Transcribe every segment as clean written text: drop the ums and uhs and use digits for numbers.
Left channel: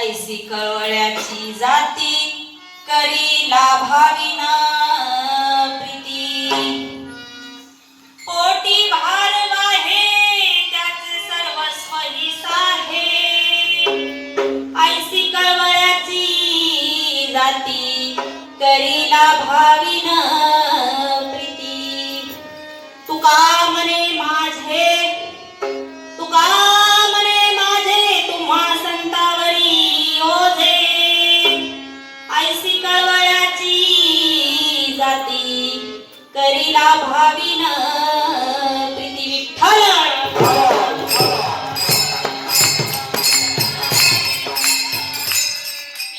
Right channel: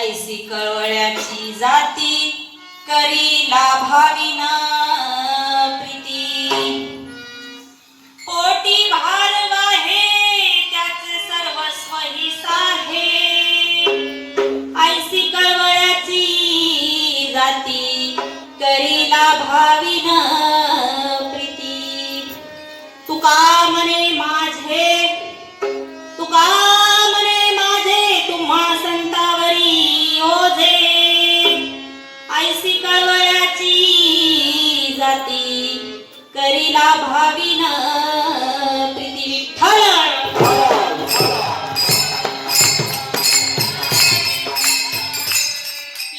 ऐसी कळवळ्याची जाती करी लाभाविना प्रीती पोटी भार वाहे त्याचे सर्वस्व ही साहे ऐसी कळवळ्याची जाती करी लाभाविना प्रीती तुका म्हणे माझे तुका करीला भाविन प्रीती विठ्ठल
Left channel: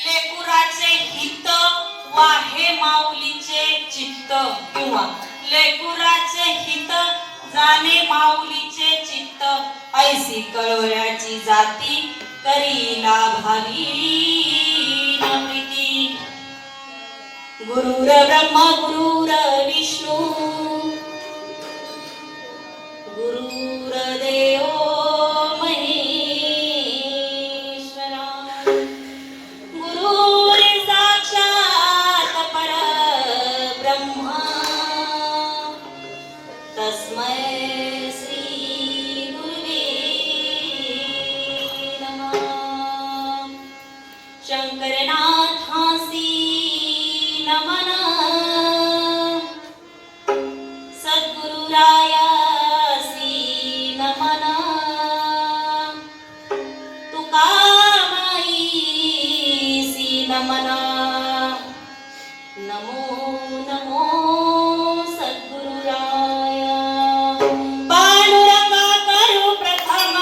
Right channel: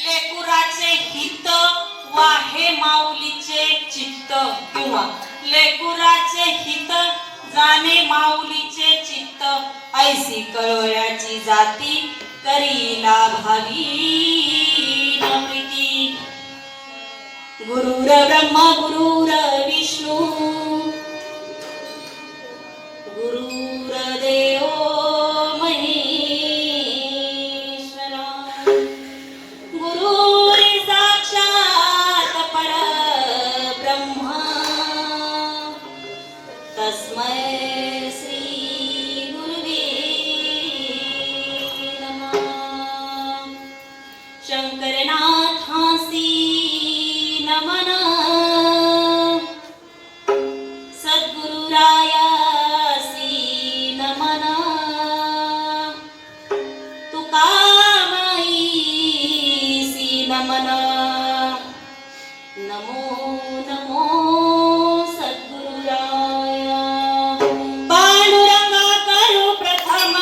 लेकुराचे हित वाहे माऊलीचे चित्त किंवा लेकुराचे हित जाणे माऊलीचे चित्त ऐसी कळवळ्याची जाती करीला भाविन प्रीती गुरुर ब्रह्म गुरुर विष्णू गुरुर्देव महेश्वरा गुरुर साक्षात परब्रह्म तस्मै श्री गुरुवे नमः शंकरनाथासी सद्गुरुरायासी नमन तुकामाईसी नमन नमो नमो सद्गुरुराया पांडुरंगा करू प्रथम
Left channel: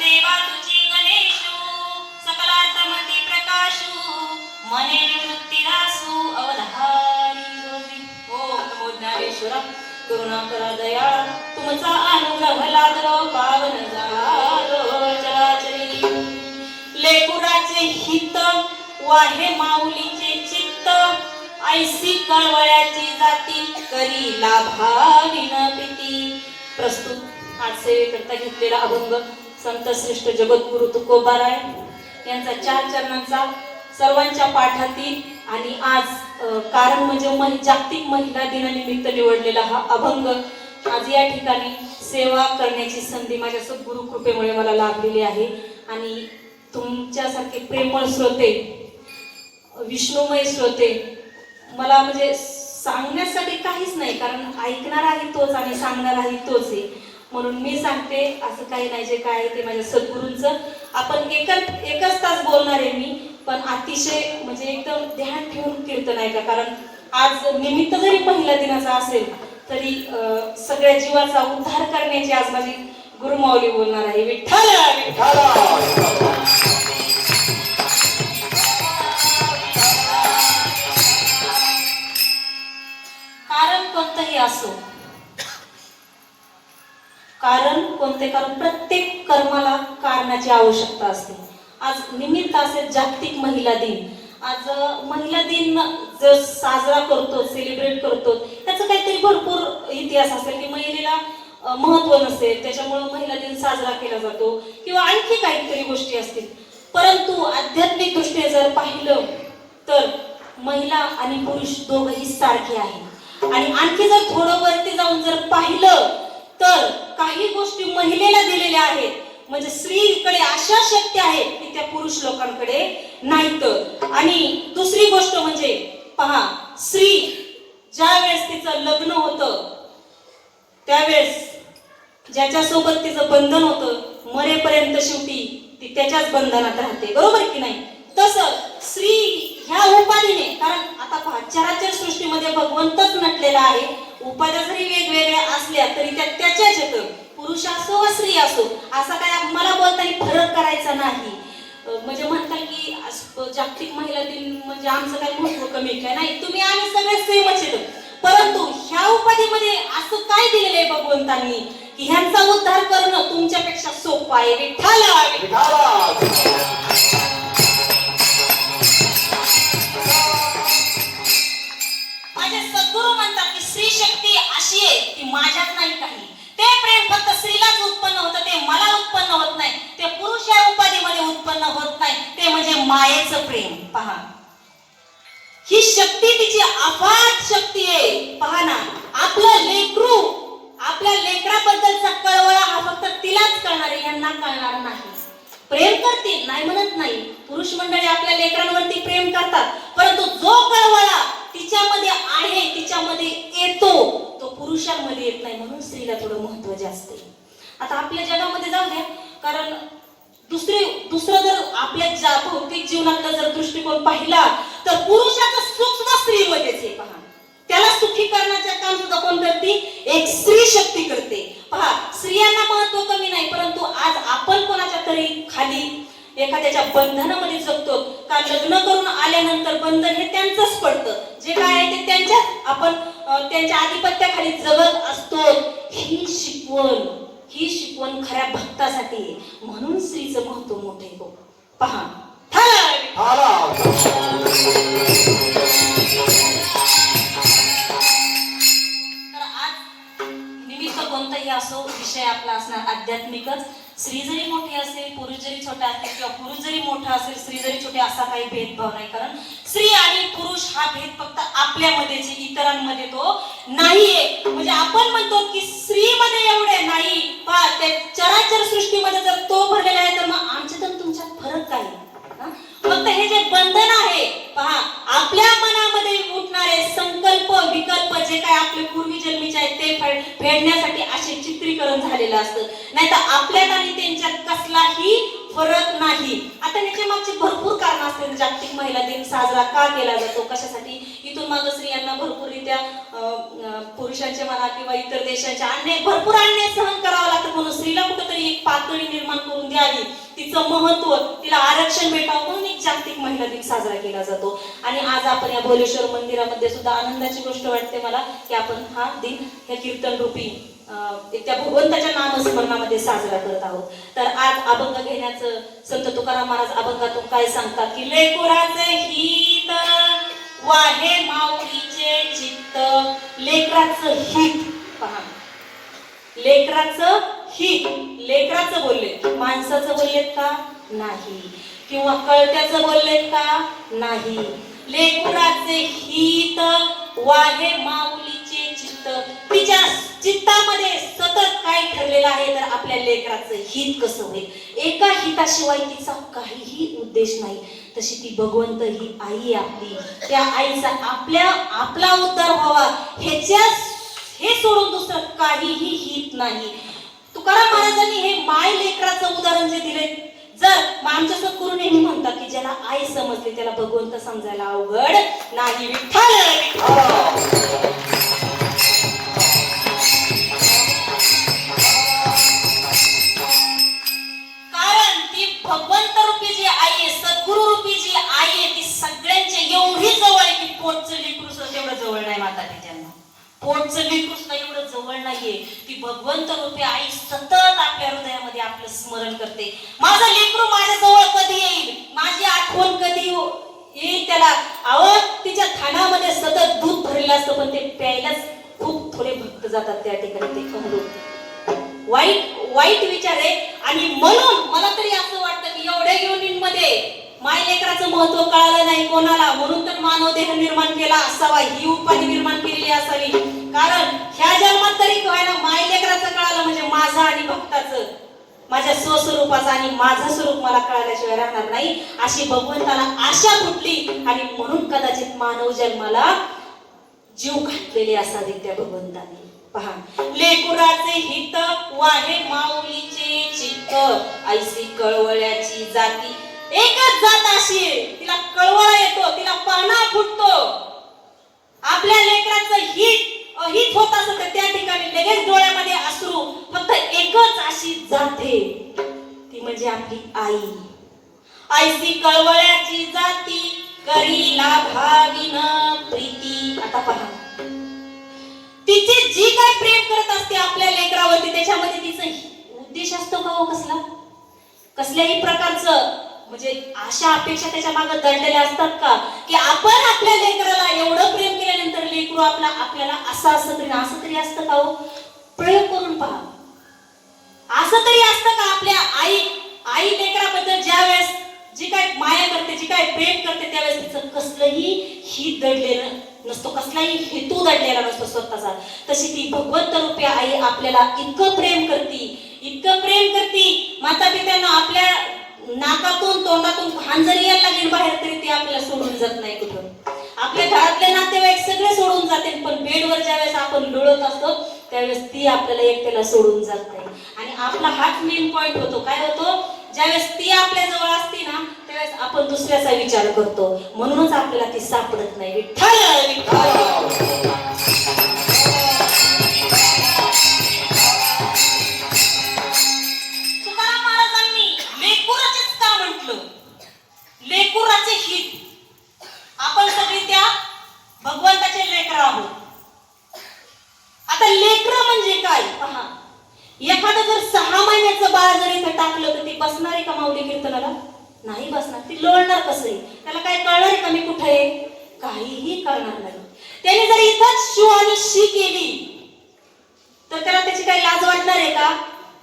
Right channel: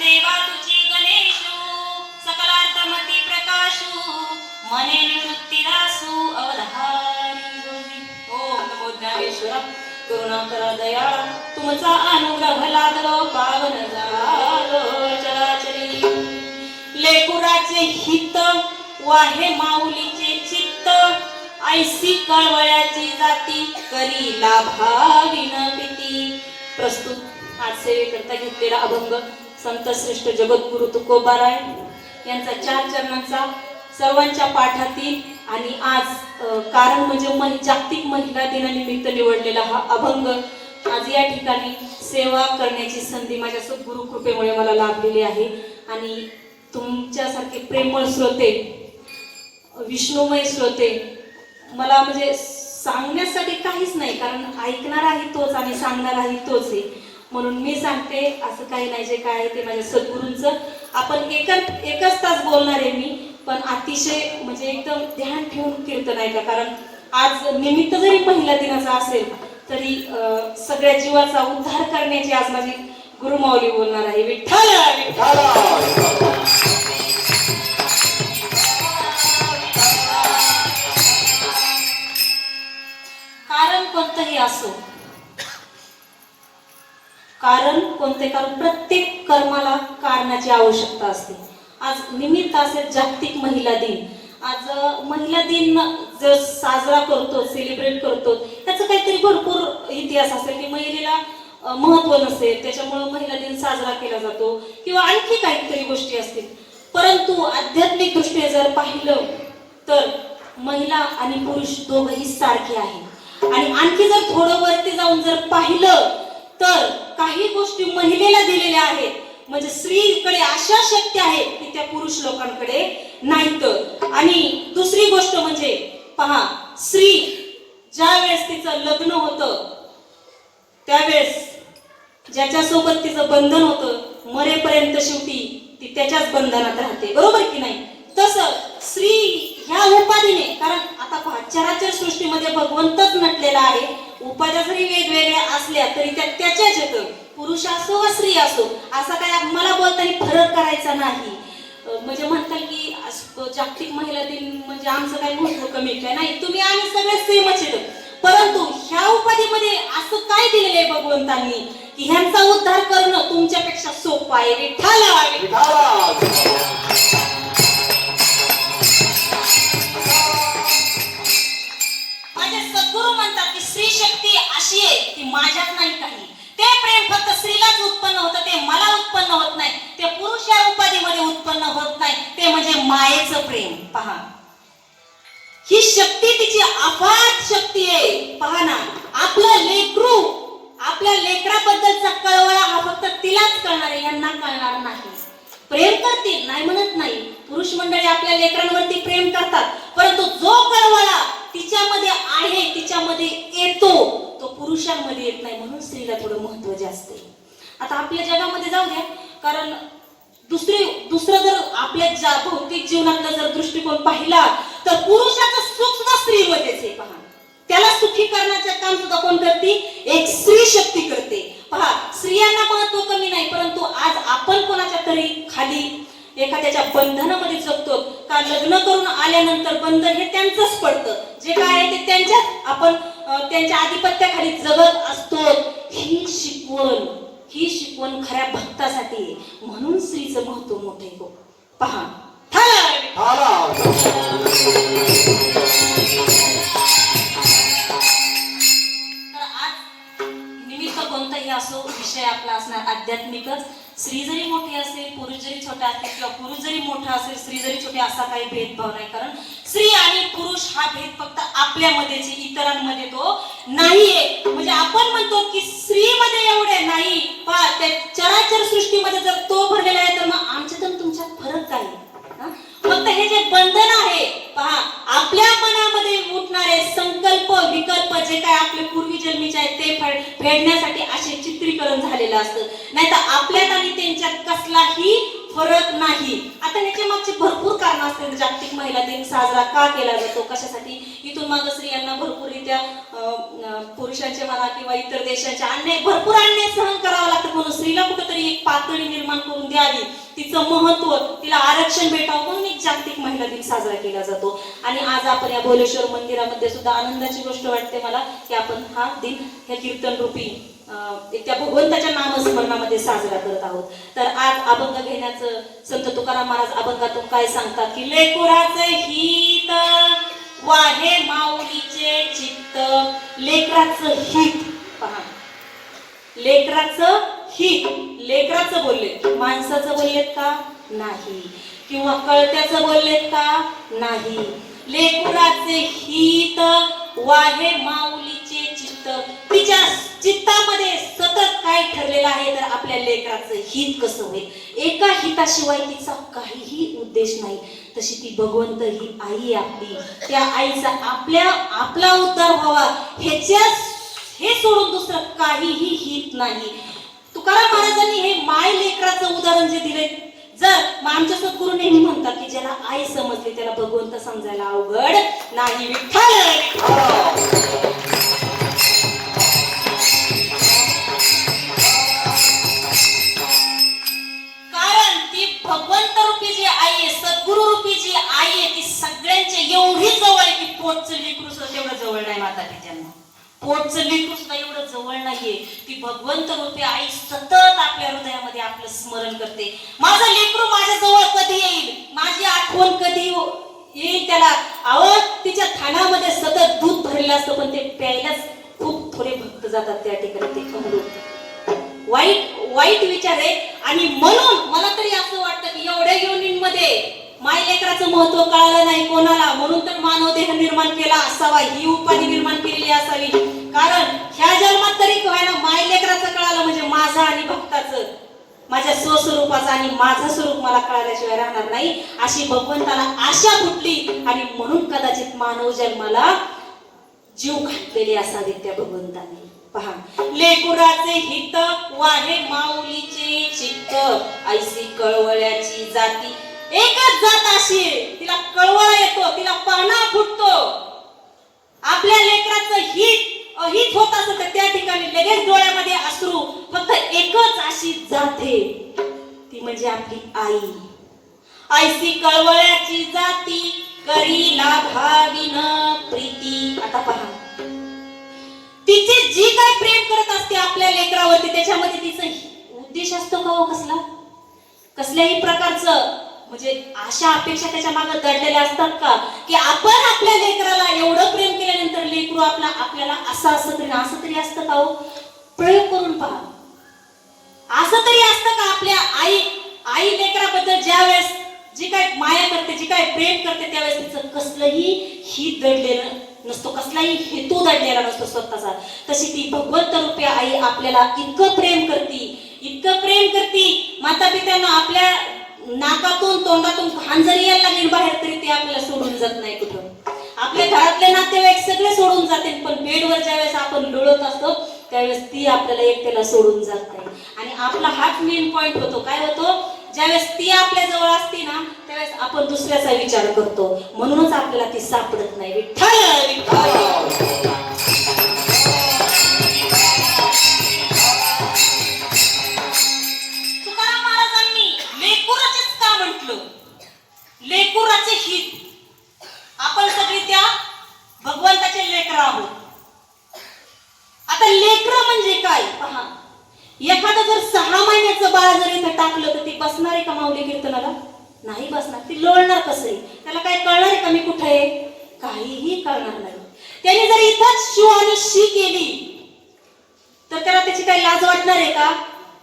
देवा तुझी गणेशु सकलार्थमती प्रकाशु मने निवृत्ती रासु अवधारी जोगी ओम नमो ज्ञानेश्वरम करुणाकर दया तुमचा अनुग्रह लागलो पावन झालो चराचरी लेकुराचे हित वाहे माऊलीचे चित्त ऐसी कळवळ्याची जाती करी लाभाविन प्रीती प्रस्तुत आज सेवेकरता घेतलेला अभंग संत श्रेष्ठ जगद्गुरु तुकोबाराय यांचा 4 चरणांचा सर्वांच्या पाठातील आणि आज कारण म्हणजे जागतिक महिला दिनानिमित्त निवडलेला हा अभंग आज या ठिकाणी सेवा करण्याची संधी माझ्या सद्गुरु कृपेमुळे मला लाभलेली आहे. आणि तुमच्यासारखे प्रेमळ श्रोते, विष्णुमय श्रोते, मला म्हणजे सांगण्यासाठी काहीच नाही, कारण ऐकणाराही तोच आणि सांगणाराही तोच आहे. म्हणून मी सांगते, असं काही नाही, जे काय आहे ते माझ्या सद्गुरूंचं. आपण एकच तास बोलणार आहे मी, पण अतिशय म्हणजे एकदम ध्यान ठेवून कीर्तन आहे का, कारण आज निमित्त जरी पहिल्या दिनाचा असेल तरी सगळ्या जीवाचा उद्धार करण्याची आज माझी गुरुमाऊली बोलणार आहे. विठ्ठल विठ्ठल. कोणतंही असो, कारण कोणते, कारण प्रत्येक कर्माला कारणाची आवश्यकता असते. आज निमित्त असेल जागतिक महिला दिन. आज महिला दिन जो साजरा करतो, सेलिब्रेट करतो, त्याचा काहीतरी भरपूर इतिहास असेल की महिलेला महत्व नसेल त्याच्यामुळे महिला दिन साजरा केला जातो, किंवा आणखी काहीतरी गोष्टी असतील. परंतु आध्यात्मिक दृष्टीने जर पाहिलं तर महिला आणि पुरुष दोघंही सारखे आहेत. आणि आणखी जर थोडं वरती जाऊन जर पाहिलं तर काही गोष्टी महिलेला दिलेल्या आहेत, म्हणजे स्त्रीकडे अशा शक्ती आहेत की त्या पुरुष लोकांकडे नाहीत. आणि दुसरी गोष्ट म्हणजे पहा, स्त्री ज्या वेळेस तिचं लग्न होतं त्यावेळेस ज्याच्यासोबत तिचं बंधन होतं, मरेपर्यंत शेवटी ती त्याच्याच बंधनात राहते, बरोबर की नाही? तसं स्त्री ह्या उपाधीने, कारण आता पहा, चराचर सृष्टीमध्ये भगवंतच नटलेला आहे. उपाध्या जरी वेगवेगळ्या असल्या तरी त्या त्याच्याच येतं, पुरुष असो व स्त्री असो, असा काय मला बोलताना फरक करायचा नाही. म्हणजे म्हणतात की जागतिक महिला दिन म्हणजे आमचं काय महत्व कमी काय नाही, तुम्ही आम्ही सगळे सेमच येतो. परंतु ह्या उपाधीमध्ये असं काय दिलेलं आहे भगवंतांनी की ह्यांचा उद्धार करणं तुमच्यापेक्षा सोपं आहे. विठ्ठल. माझे सद्गुरू म्हणतात की स्त्री शक्ती अशी आहे की माझ्यात नाही काही. ते प्रेम फक्त स्त्रीलाच उत्पन्न होतं, ते मला उत्पन्न होत नाही, ते पुरुष या उपाधीमध्ये उत्पन्न होत नाही, ते म्हणजे मायेचं प्रेम. पहा, ही शक्ती तिची अफाट शक्ती आहे. पहा ना, आपलं लेकरू, आपल्या लेकराबद्दलचा कळवळा हा फक्त तिलाच कळणार आहे, यांना कळणार नाही. प्रेम करतील नाही म्हणत नाही, पुरुष मंडळी आपल्या लेकरांवरती प्रेम करतात, परंतु जो कळवळा तिच्यामध्ये आहे, तिच्यामध्ये येतो, तो पुरुषांमध्ये येत नाही. म्हणून स्त्रीला थोडं महत्व जास्त आहे. आता आपल्या जगामध्ये जाऊ द्या, कारण दुसरं जर आपल्या भौतिक जीवनातला जर दृष्टिकोन पाहिला तर पुरुषाचं सुख सुद्धा स्त्रीमध्येच आहे. पहा, त्याला सुखी करण्याचे काम सुद्धा कोण करते? एक स्त्री शक्ती करते. पहा, स्त्रियांना महत्व कमी नाही, परंतु आज आपण कोणाच्या तरी खाली एखाद्याच्या बंधनामध्ये जगतो का? लग्न करून आल्यानंतर बंधन हे त्यांचंच पडतं, जे काय आहे ते त्यांच्या, आपण त्यांच्या आधिपत्याखाली जगत असतो. ही शिकवण खऱ्या भक्तासाठी आहे. म्हणून स्त्रीचं महत्व मोठे हो. पहा, कोणताही असो, विषय आपला असणार आध्यात्मिकच. स्त्री जरी मोठी असेल, पुरुष जरी छोटा असेल, किंवा पुरुष जरी मोठा असेल, स्त्री जरी छोटी, असा काही भेदभाव नाही. कारण स्त्री आणि पुरुष हा भेद फक्त आपल्यामध्येच, इतरांमध्ये तो नाहीये. म्हणजे आपण म्हणतो की स्त्रीमध्ये एवढे नाही, पण त्या चराचर सृष्टीमध्ये जर तो भरलेला आहे, तर मग आमच्यात आणि तुमच्यात फरक काय? फक्त हे जे बंधन आहे, पहा, आपल्या मनामध्ये उठणारे संकल्प विकल्प जे काय आपले पूर्वी जन्मीचे आहेत ते फेडण्यासाठी असे चित्रीकरण झालेलं असतं. नाहीतर आपल्यात आणि त्यांच्यात कसलाही फरक नाही. आता ह्याच्या मागची भरपूर कारण असतील. जागतिक महिला दिन साजरा का केला जातो, कशासाठी? इथून मागे स्त्रियांना भरपूररित्या पुरुषांच्या म्हणा किंवा इतर देशांच्या भरपूर अन्याय सहन करावा लागतं, म्हणून स्त्रीला कुठेतरी एक पातळी निर्माण करून द्यावी, तिचं महत्व, तिला आरक्षण भेटावं, म्हणून एक जागतिक महिला दिन साजरा केला जातो. आणि आज आपण या बोलेश्वर मंदिरामध्ये सुद्धा आनंदाची गोष्ट वाटते मला की आपण हा दिन हे कीर्तन रूपी त्या भगवंताच्या नामस्मरणामध्ये साजरा करत आहोत. तर आज अभंग घेण्याचं संत तुकाराम महाराज अभंगातून काय सांगतात की लेकराचं हित वाहे माऊलीचे चित्त. लेकराचं हित, पहा, लेकराचं हित. लेकराचं बोलले, माणसाचं बोललेत का? नाही. किंवा कळत्याचं बोललेत का? नाही. लेकराचे हित वाहे माऊलीचे चित्त. तिच्या चित्तामध्ये सतत काय ठरलेलं आहे तर आपल्या लेकराचं हित कसं होईल. एका हिताशिवाय तिचा काहीही उद्देश नाही. तशी ती भगवंत ही आई आपली, त्या आईचा आपला उद्धार व्हावा हे सोडून दुसरं काहीही हित नाही. तुकाराम महाराजांनी हे माय लेकराचं उदाहरण जे दिले, जर आमच्या सद्गुरू नेहमी म्हणतात की ज्याला आई समजते त्याला भगवंत समजायला अवघड नाही. विठ्ठल कारण ती भगवंत रूपी जी आई आहे, सद्गुरू रूपी जी आई आहे, ती सगळ्यांच्या एवढी जवळ आहे की पोटचं लेकरू सुद्धा तेवढं जवळ नाही. माता पित्यांना पोटचं लेकरू सुद्धा एवढं जवळ नाहीये. ती भगवंत रूपी आई सतत आपल्या हृदयामध्ये आपलं स्मरण करते. माझं लेकरू माझ्या जवळ कधी येईल, माझी आठवण कधी येईल त्याला. तिच्या थानामध्ये सतत दूध भरलेलं असतं पण ते प्यायलाच खूप थोडे भक्त जातात त्या ठिकाणी. ते अमृत वाईट विचार आहे. आणि म्हणून मला तरी असं वाटतं की एवढ्या योनींमध्ये माय लेकराचं महत्व कळालं नाही कोणाला, म्हणून तर मानव देह निर्माण केला असावा, ही उपाधी निर्माण केलेली असावी. कारण ह्या जन्मात तरी व्हायला माय लेकराचं कळालं म्हणजे माझं आणि भक्ताचं, माझ्या स्वस्वरूपाचं आणि माझं स्वरूप मला कळाल्याशिवाय राहणार नाही, अशी भगवंताला आशा फुटली. आणि म्हणून कदाचित मानव जन्माला जीव घातलेले असावे त्या भगवंताने. पहा, लेकुराचे हित वाहे माऊलीचे चित्त, ऐसी कळवळ्याची जाती. एकच जात अशी आहे, तिला कळवळा येतो, तिला पाना फुटतो. आपल्या लेकराचं हित अहित होत असत तर त्या ठिकाणी लगेच डोळ्यामध्ये अश्रू. फक्त एकच अशी जाते, ती म्हणजे आपली आई. ऐसी कळवळ्याची जाती करीला भाविन प्रीती. आता पहा, तिचे जी काय प्रेम करत असते आपल्या लेकरावरती त्याच्यामध्ये तिचा उद्देश असतो का हो कसला, कसल्याही प्रकारचं म्हणजे आशा अपेक्षा त्याच्या मागे दडलेल्या असतात का, की आपण आपल्या लेकराला एवढं प्रेम केल्यानंतर लेकरू आपल्याला असं तरी असतं का हो. प्रयोग करून पहा, असं तरी असतं का आपल्या आई लेकराबद्दल ज्या वेळेस जी काय माया करते, जी काय प्रेम करते त्यावेळेस तिचं कसलंही हित दडलेलं नसतो, कसलाही हेतू दडलेला नसतो स्वतःचा. तशी ती भगवंत रूपी आई आपल्याला इतकं प्रेम करती. माता पित्यांना आपल्या नाकातून तोंडातून घाण जरी यायला लागली बाहेर तरी ते आपल्याला सोडून जात नाही कुठं. आपल्या घरातले नातेवाईक सगळे सोडून जाते, पण बेडवर ज्यावेळेस आपण लोळत असतो त्यावेळेस ती आपल्याला एकट्याला सोडून जात नाही. आणि आपला हाच मेन पॉइंट होतो. काय होतो, ज्यावेळेस ती आपल्या जवळ असते ना त्यावेळेस आपण दुसऱ्याचा विचार करतो, म्हणूनच आपल्याला ती सापडत नाही. विठ्ठल विठ्ठल. लेकुराचे हित. आपण सगळे त्या भगवंताचे लेकर आहोत. आता लेकर म्हणजे काय पहा, एखादं जर 6 महिन्याचं बाळ जर इथं टाकलं तर ती बसणार आहे का माऊली कीर्तनाला? नाही बसणार. ती लोळणार कसं आहे, त्याला काय कळणार आहे का मी कुठे आहे, काहीही कळणार नाही. त्याने जर इथंच शिव आणि शी केली तर त्याला त्याची काही लाज वाटणार आहे का?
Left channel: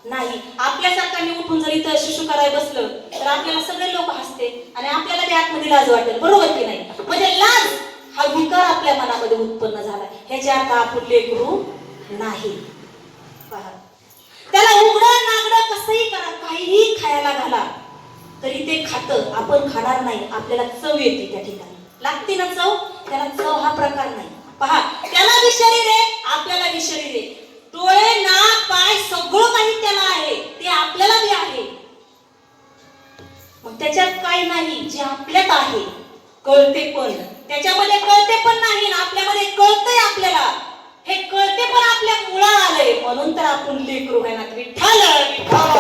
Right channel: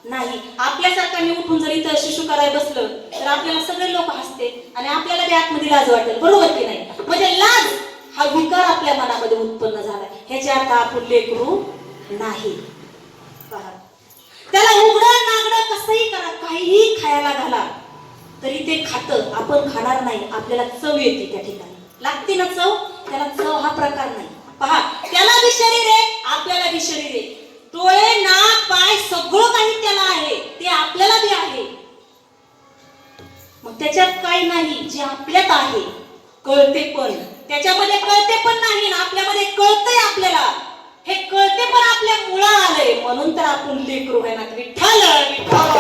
नाही. आपल्यासारखा मी उठून जर इथं शिशु करायला बसलं तर आपल्याला सगळे लोक हसते आणि आपल्याला बी आतमध्ये लाज वाटेल, बरोबर की नाही. म्हणजे लाज हा विकार आपल्या मनामध्ये उत्पन्न झाला. ह्याच्या अर्थ आपण लेकरू नाही. त्याला उघडं नागडं कसंही करा, काहीही खायला घाला तरी ते खातं. आपण खाणार नाही, आपल्याला चव येते त्या ठिकाणी, लागते ना चव. त्याला चव हा प्रकार नाही. पहा, त्याला बी शरीर आहे, आपल्याला बी शरीर आहे. डोळे नाक पाय सगळं काही त्याला आहे, ते आपल्याला बी आहे. मग त्याच्यात काय नाही जे आपल्यात आहे, कळते पण त्याच्यामध्ये कळते पण नाही, आपल्यामध्ये कळतंय. आपल्याला हे कळते पण आपल्या मुळा आलंय, म्हणून तर आपण लेकरू नाही. विठ्ठल विठ्ठल.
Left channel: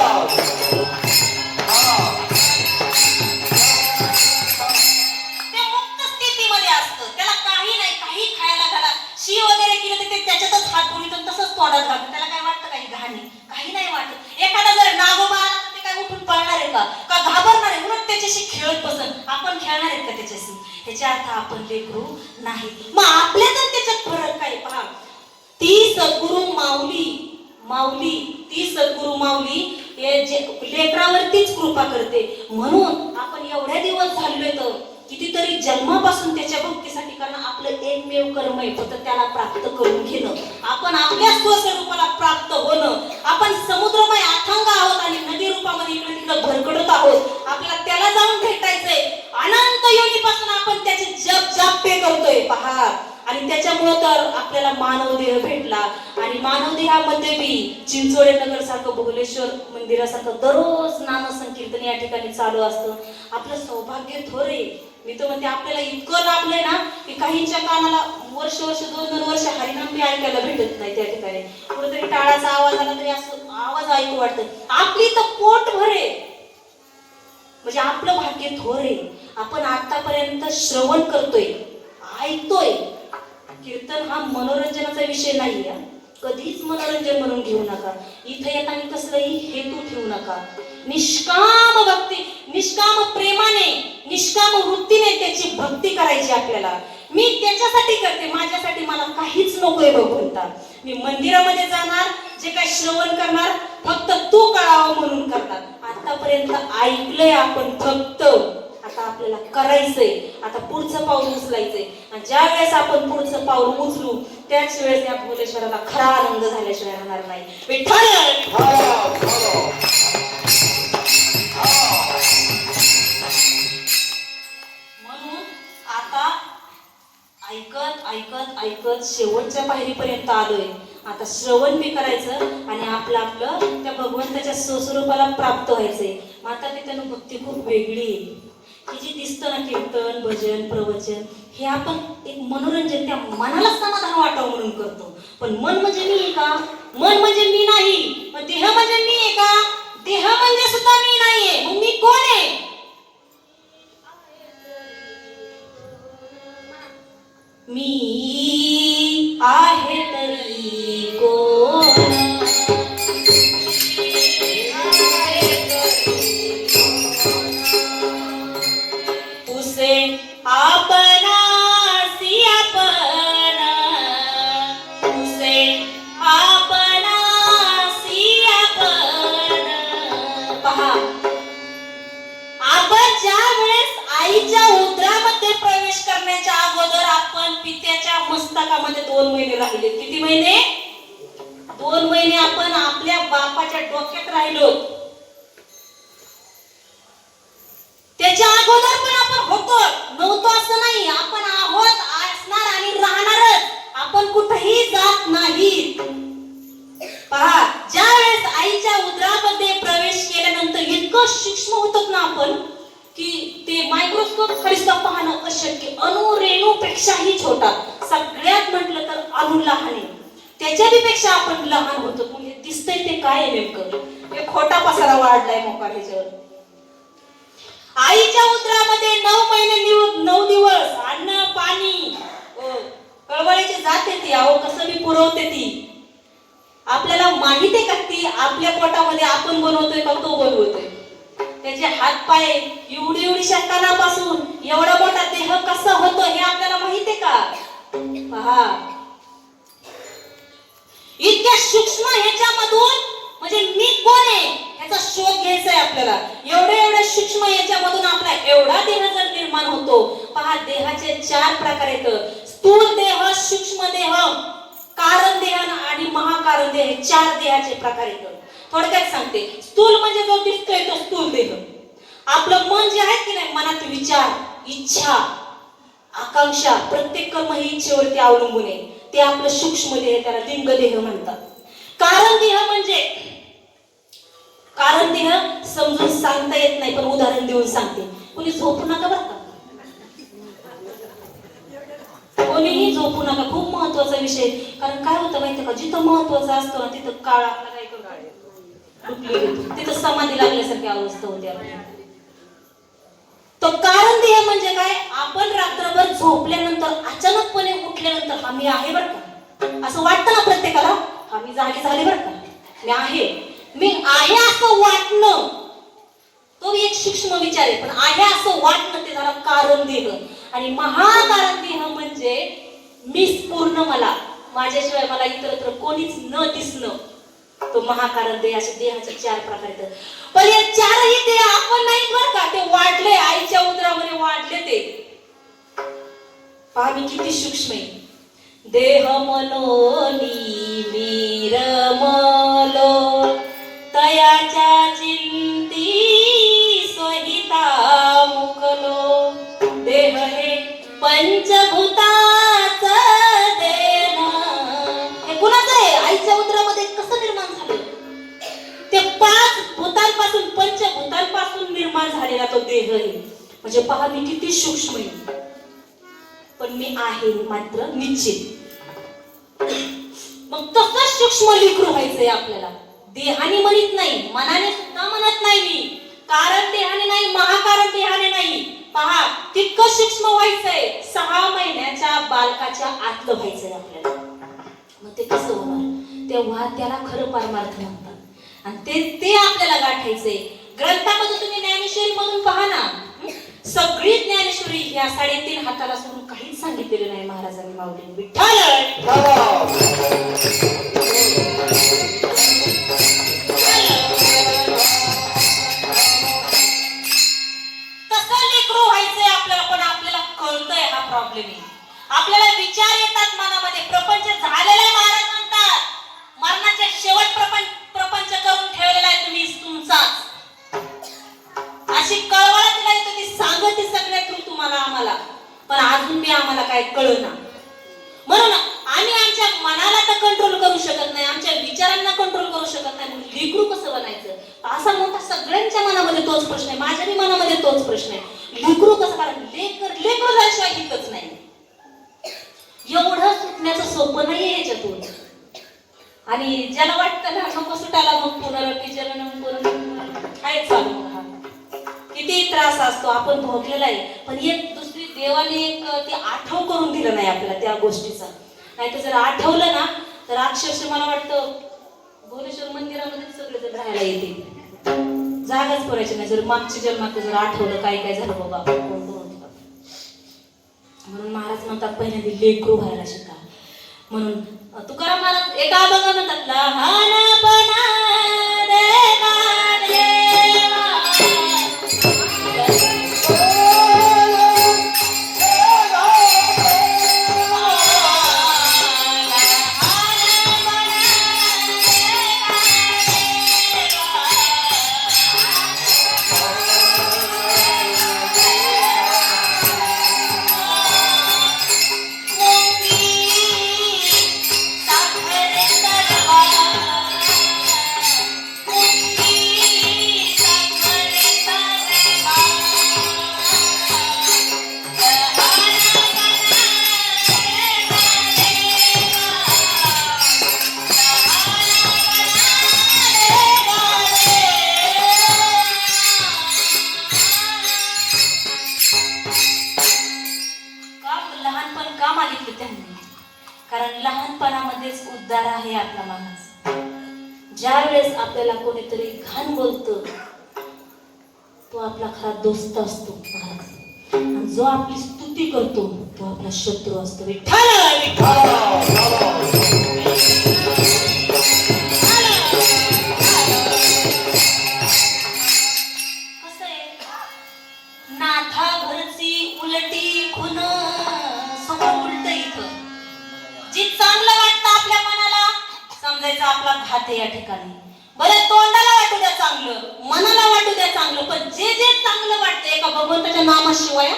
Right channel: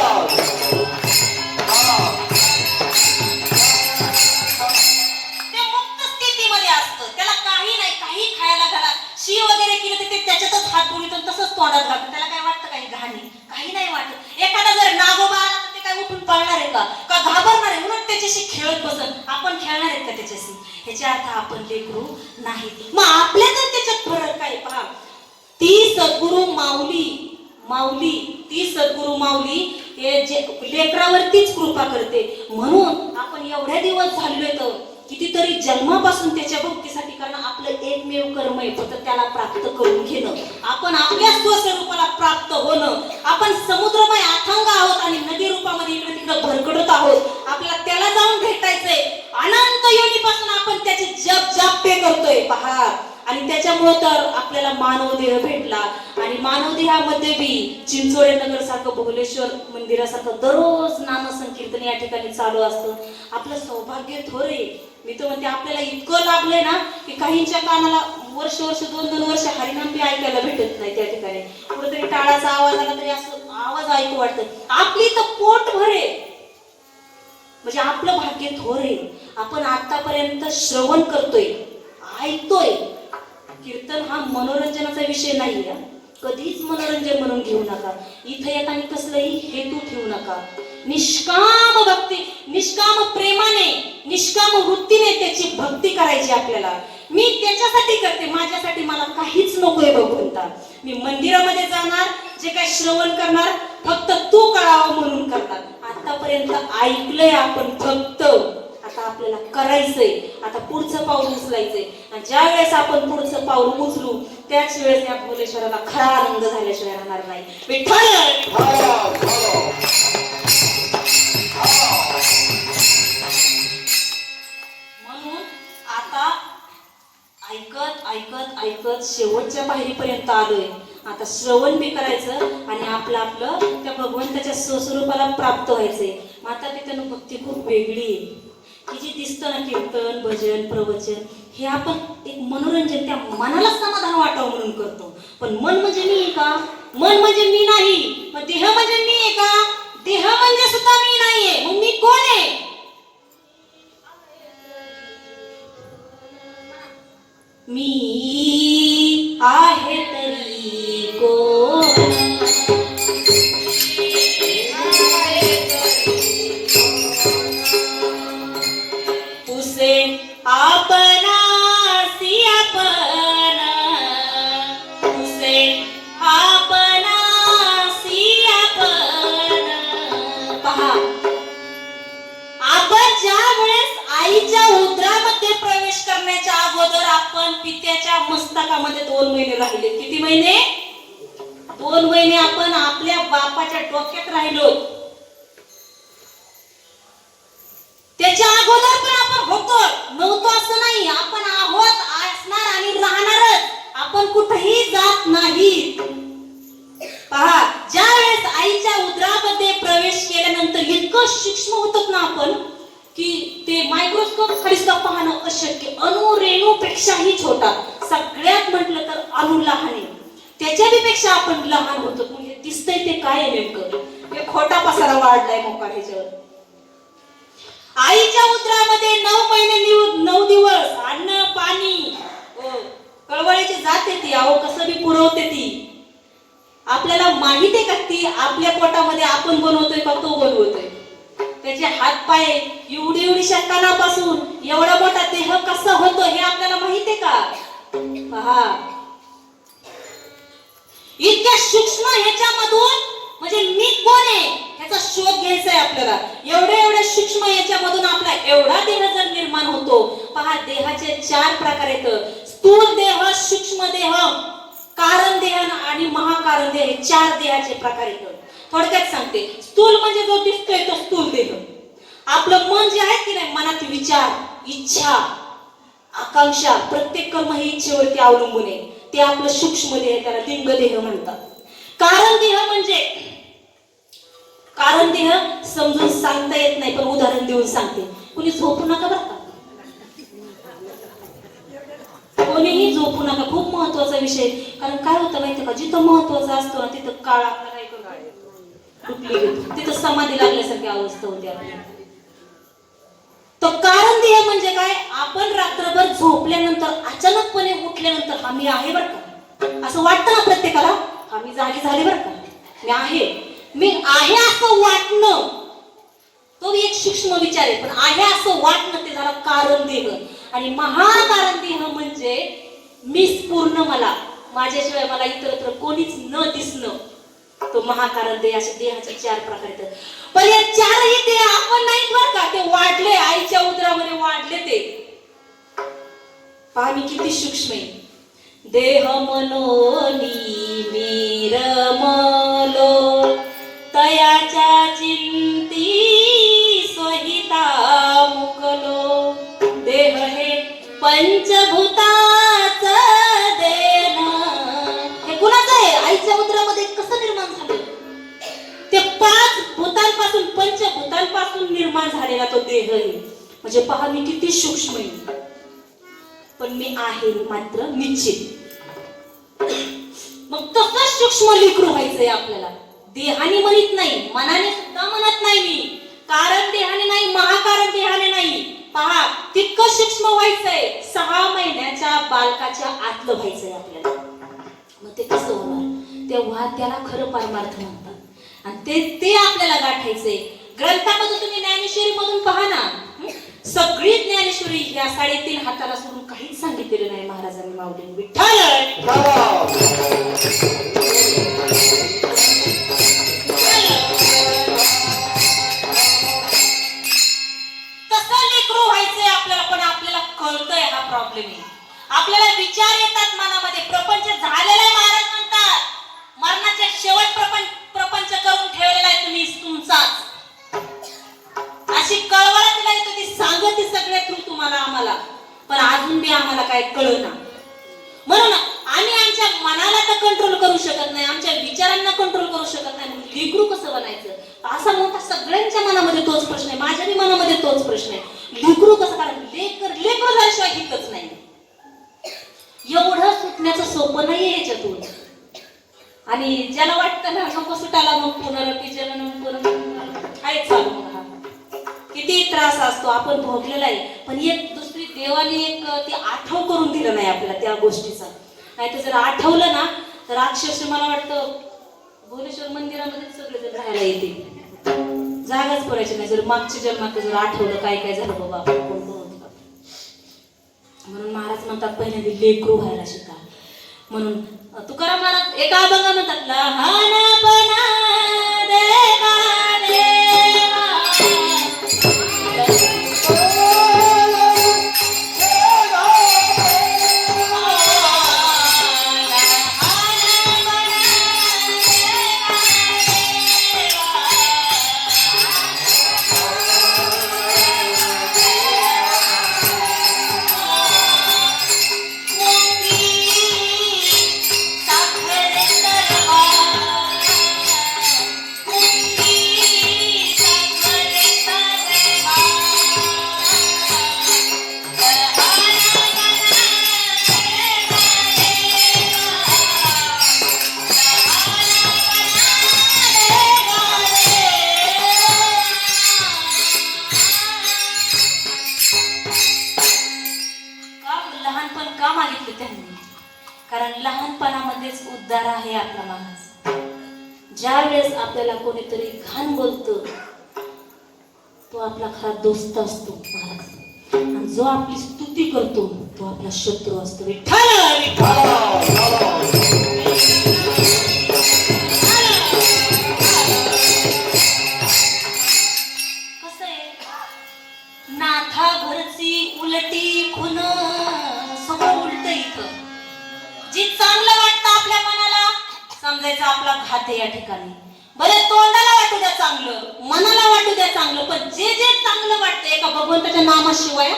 ते मुक्त स्थितीमध्ये असतं, त्याला काही नाही, काही खायला घाला, शी वगैरे केलं तर ते त्याच्यातच हात बोलतो, तसंच तोडायला लागतं. त्याला काय वाटतं काही घाणी, काही नाही वाटत. एखादा जर नागोबा आला तर ते काय उठून पळणार आहे का घाबरणार आहे, म्हणून त्याच्याशी खेळत बसत. आपण खेळणार आहेत का त्याच्याशी? ह्याच्या अर्थ आपण लेकरू नाही. मग आपल्या तर त्याच्यात फरक काय पहा. ती सद्गुरू माऊली हे जे लेकरावरतीच कृपा करते. म्हणून आपण एवढ्या दिवस झालोय तर कितीतरी जन्मापासून त्याच्या भक्तीसाठी, कारण आपलं एकमेव कर्म आहे फक्त त्याला प्राप्त करून घेणं, आपण आपल्या स्वस्वरूपाला प्राप्त होणं. आपण समुद्रमय अथांग आहोत आणि नदी रूपामध्ये इकडे तिकडे भरकडत आहोत. आपल्याला त्याला जाऊन भेटायचंय. अनंत योनीपासून आपण त्याचे जप जाप्य करतोय पहा. आणि त्याच्यामुळे तर आपल्याला मानव देह भेटला. आणि मानव देहामध्ये बी चिंचोळे नगर सारखं, भुवनेश्वर मंदिरासारखं दररोज नामसंकीर्तन या ठिकाणी चालू असतं. आपलं सौभाग्य थोरे. मी तर म्हणते आपल्याला इतकं लाभलंय ना की काहींच्या कानाला वर्ष 2-2 वर्ष हरिनाम बी ऐकायला भेटत नाही. त्या ठिकाणी कुठेतरी टाळाचा आवाज आला तरी असं आवाज ऐकू वाटतं. आपली तर पोट भरे, म्हणजे आपलं भाग्य थोरे. आपण आतापर्यंत श्रवण करतोय, ऐकतोय. कीर्तन हा मनोरंजनाचा विषय नाही. कधीच मनोरंजन म्हणून घेऊ नका. इथे येताना कसलाही हेतू ठेवू नका. निष्काम भक्ती, निष्काम प्रेमाने, निष्काम वृत्तीने त्याची भक्ती करायची आपल्याला. मी त्याच्यासाठी करते, माझ्यासाठी मला काहीच नकोय भगवंता. मी मंदिरामध्ये जाणार, जे काही श्रवण करणार फक्त तू करावं म्हणून करतात. आतापर्यंत ऐकलंय आपण फक्त, आता आपल्याला करायचंय. आता पुढचं पाऊल उचलायचंय. आणि ज्या वेळेस आपण पुढचं पाऊल उचलू त्याच वेळेस या भुवनेश्वराला खरा आनंद झाल्याशिवाय राहणार नाही. म्हणून आता ऐकत ऐकत ऐकत शेवटच्या पायरीपर्यंत आलोय. आता श्रवण बी करायचं आणि आपलं आपलं त्या भगवंताच्या स्वस्वरूपाला प्राप्त व्हायचंय. माता पित्यानं भक्ती खूप वेगळी आहे. की जी दिसतं ना कीर्तन, भजन, प्रवचन, हे आपण एक मनोरंजन, त्या मनाला समाधान वाटावं म्हणून करतो. पण मन म्हणजे मी आहे का? मन म्हणजे मी नाही. पण देह म्हणजे मी आहे का? देह म्हणजे सुद्धा मी नाहीये. मग मी कोण आहे? मी आहे तरी कोण? पित्याच्या मस्तकामध्ये 2 महिने राहिले. किती महिने? 2 महिने आपण आपल्या बापाच्या डोक्यात राहिलो. त्याच्या अगोदर पण आपण होतो, नव्हतो असं नाही. आपण आहोत, असणार आणि राहणारच. आपण कुठेही जात नाही. पहा, ज्या वेळेस आईच्या उदरामध्ये प्रवेश केल्यानंतर इतकं सूक्ष्म होतो ना आपण की ते मायक्रोस्कोप खाली पाहणं अशक्य. अणुरेणूपेक्षाही छोटा. सगळ्यात म्हटलं तर अणु लहान आहे, त्याच्याही पेक्षा आपण लहान होतो. म्हणजे दिसतंय ते काय नेमकं? हे खोटा पसारा वाढलाय मोका ह्याच्यावर. आईच्या उदरामध्ये 9 महिने 9 दिवस अन्न पाणी कळवळीची जाते ती. अहो कसं बी पुरवते ती. आपल्याला माहिती आहे का ती आपल्या पोटामध्ये आपण बनवतोय का तो बनवतोय? त्याचे हात पाय एवढीशा कानापासून एवढा मोठा देह कसा होतो हे आपल्याला माहितीये का? पहा, इतक्या सूक्ष्म ह्याच्यामधून म्हणजे मी कोण आहे याचा शोध घ्यायचा आहे आपल्याला. एवढ्या सूक्ष्म याच्यामधून आपला एवढा देह जर निर्माण होतो. पहा, देहाचे 4 प्रकार आहेत. स्थूल देह, सूक्ष्म देह, कारण देह आणि महाकारण देह. 4 देहाचे प्रकार आहेत. थोडक्यात सांगते. स्थूल म्हणजे जो दिसतोय तो स्थूल देह. आपलं मन जे आहे की नाही, मनात विचार, इच्छा, आकांक्षा, प्रत्येक कर्म ही इच्छेवरती अवलंबून आहे. ते आपलं सूक्ष्म देह, त्याला लिंग देह म्हणतात. कारण देह म्हणजे, कारण देह समजून सांगता येत नाही, पण उदाहरण देऊन सांगते. कुणी झोपू नका बरं का, कोणीही झोपू नका. खूप महत्वाचा विषय. कारण काय होतं माहिती का, जिथं महत्वाचं असतं ना तिथं काळ आपला काय करतो, तिथं समाधी लागल्यासारखी अवस्था होते आपली. तो कारण देह म्हणजे काय? आपण रात्रभर झोपल्यानंतर अचानकपणे उठल्यानंतर आम्ही आहे बरं का, असं वाटतं ना प्रत्येकाला. आम्ही झाले बरं का, मी आहे असं वाटणं, तो एक सूक्ष्म विचार आहे. पण आहे असं वाटणं ते झालं कारण देह. आणि महाकारण देह म्हणजे मीच पूर्ण, मला, माझ्याशिवाय मला इतरत्र कोणीच न दिसणं. तो महाकारण देह, असे देहाचे 4 प्रकार आहेत. पण या 4ही देह आपण नाही बरं का, ते वाढले आईच्या उदरामध्ये वाढले ते. पहा मी किती सूक्ष्म आहे. देह मनोनी मी रमलो तयाच्या चिंती स्वहिता मुकलो. देह हे पंचभूताच देह. हे कुणाचं आहे? आईच्या उदरामध्ये कसं निर्माण झालं? ते 5 भूतांपासून, पंचभूतांपासून निर्माण झालेला तो देह आहे. म्हणजे पहा मी किती सूक्ष्म आहे. पण मी आहे मात्र निश्चित. मग तसं सूक्ष्म लेकरू व्हायचंय आपल्याला. देहाने म्हणत नाही, मनाने सुद्धा म्हणत नाही मी. कारण देहाने नाही, महाकारण देहाने नाही. पहा तितकं सूक्ष्म व्हायचंय. 6 महिन्याच्या बालकाच्या आतलं व्हायचंय आपल्याला. मग ते कसं होणार? तेव्हा त्याला खरं परमार्थ म्हणतात. आणि ते आपल्याला गाठायचंय. ग्रंथामध्ये तुम्ही ज्ञानेश्वरी मधून पहा ना, सगळी ज्ञानेश्वरी या 3.5 हाताला सोडून काहीच सांगितलेलं नाही महाराजांनी. माऊली विठ्ठल कसं लेकरू व्हायचंय आपल्याला. पण आपल्याला कळतंय हा प्रॉब्लेम आहे. आपल्याला विचार येतात मनामध्ये. प्रपंच झालेला महाराज म्हणतात, मरणाच्या शेवट प्रपंच करून ठेवलेला आहे तुम्ही तुमचाच. अशी कळवळा तुला येते ती सांगते सगळ्या तू तुम्हाला आम्हाला. पण अजून बी आम्हाला काय कळना. म्हणून आम्ही आमच्या मनाला तर कंट्रोल करू शकत नाही, आमच्या विचारांना कंट्रोल करू शकत नाही. लेकरू कसं बनायचं? असा मोठा सगळ्यांच्या मनामध्ये तोच प्रश्न आहे. माझ्याही मनामध्ये तोच प्रश्न आहे. लेकरू कसं करायचं? लेकरू झाल्याशिवाय हितच नाही. एवढं सुटण्याचं सोपं नाहीये याच्यातून. आणि ज्याला वाटतं ना नको सुटायला, मग पुनरपी आहे चालू. किती त्रास असतो आपण भोगलेला आहे. पण एक दुसरी देवाने एक ते आठव करून दिलं नाही आपल्याला त्या गोष्टीचा. नाही तर जर आठवलं ना तर अक्षरशः मला वाटतं भुवनेश्वर मंदिरामध्ये सगळेजण राहायला येते, जागाच पडायची नाही. जर मागच्या जन्मात जर आठवलं काय काय झालं बाबा बंद होत. म्हणून महाराज म्हणतात पहिल्यांदा लेकरू व्हायला शिका. म्हणून तुकाराम महाराज एका अभंगा म्हणतात, लहानपणा लहानपणामध्येच उद्धार आहे आपला महाराज. ज्या वेळेस आपल्याला कोणीतरी घाण बोलतो तो आपला खरा दोस्त असतो महाराज. जो आपली स्तुती करतो तो आपला शत्रू असतो. कसं आहे, नाथा घरची उलटी खुन समोर उलट इथं. जे चांगलं वाटतं आपल्या मनाला समजायचं आपला घात आहे या ठिकाणी. बरं तोंडाला वाटू द्या चांगलं, मनाला वाटू द्या चांगलं, पण जे जे चांगलं वाटतं एका भगवंताच्या नामाशिवाय,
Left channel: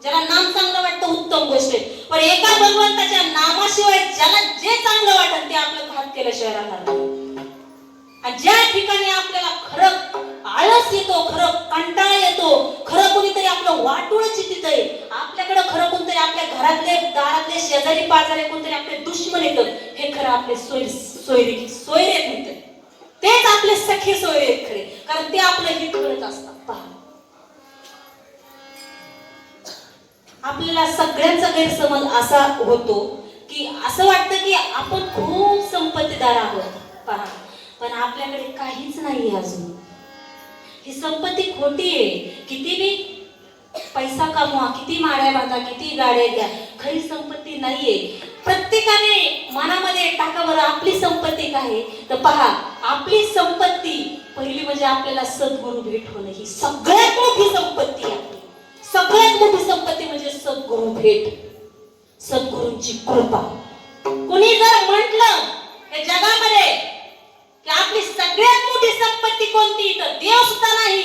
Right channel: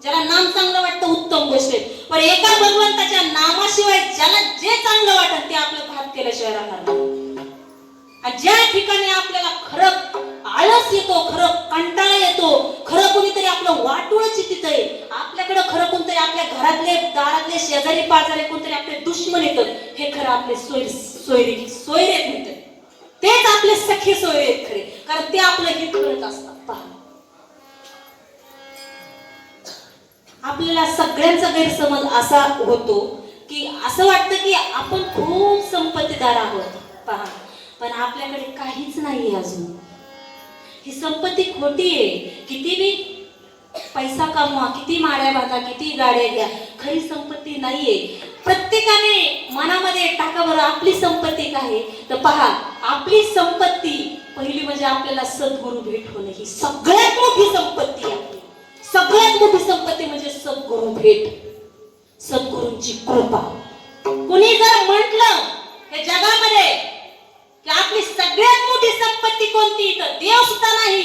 ज्याला नाम चांगलं वाटतं उत्तम गोष्ट आहे, पण एका भगवंताच्या नामाशिवाय ज्याला जे चांगलं वाटतं ते आपलं घात केल्याशिवाय राहणार. आणि ज्या ठिकाणी आपल्याला खरं आळस येतो, खरं कंटाळा येतो, खरं कोणीतरी आपलं वाटोळ चितित आहे, आपल्याकडे खरं कोणतरी आपल्या घरातले दारातले शेजारी पाजारी कोणतरी आपले दुश्मन येतं, हे खरं आपले सोयरे येत, तेच आपले सखे सोयरे आहेत खरे, कारण ते आपलं हित करत असतात. पहा आपल्याला सगळ्यांचा गैरसमज असा होतो की असं वाटतं की आपण खूप संपत्तीदार आहोत. पहा पण आपल्याकडे काहीच नाही अजून. ही संपत्ती खोटी आहे. किती बी पैसा कमवा, किती माड्या बांधा, किती गाड्या घ्या, खरी संपत्ती नाहीये. प्रत्येकाने मनामध्ये टाका बरं, आपली संपत्ती काय आहे. तर पहा, आपली संपत्ती पहिली म्हणजे आपल्याला सद्गुरू भेट होणे, ही सगळ्यात मोठी संपत्ती आहे. सगळ्यात मोठी संपत्ती म्हणजे सद्गुरू भेट, सद्गुरूंची कृपा. कुणी जर म्हटलं या जगामध्ये की आपली सगळ्यात मोठी संपत्ती कोणती, तर देव सुद्धा नाही.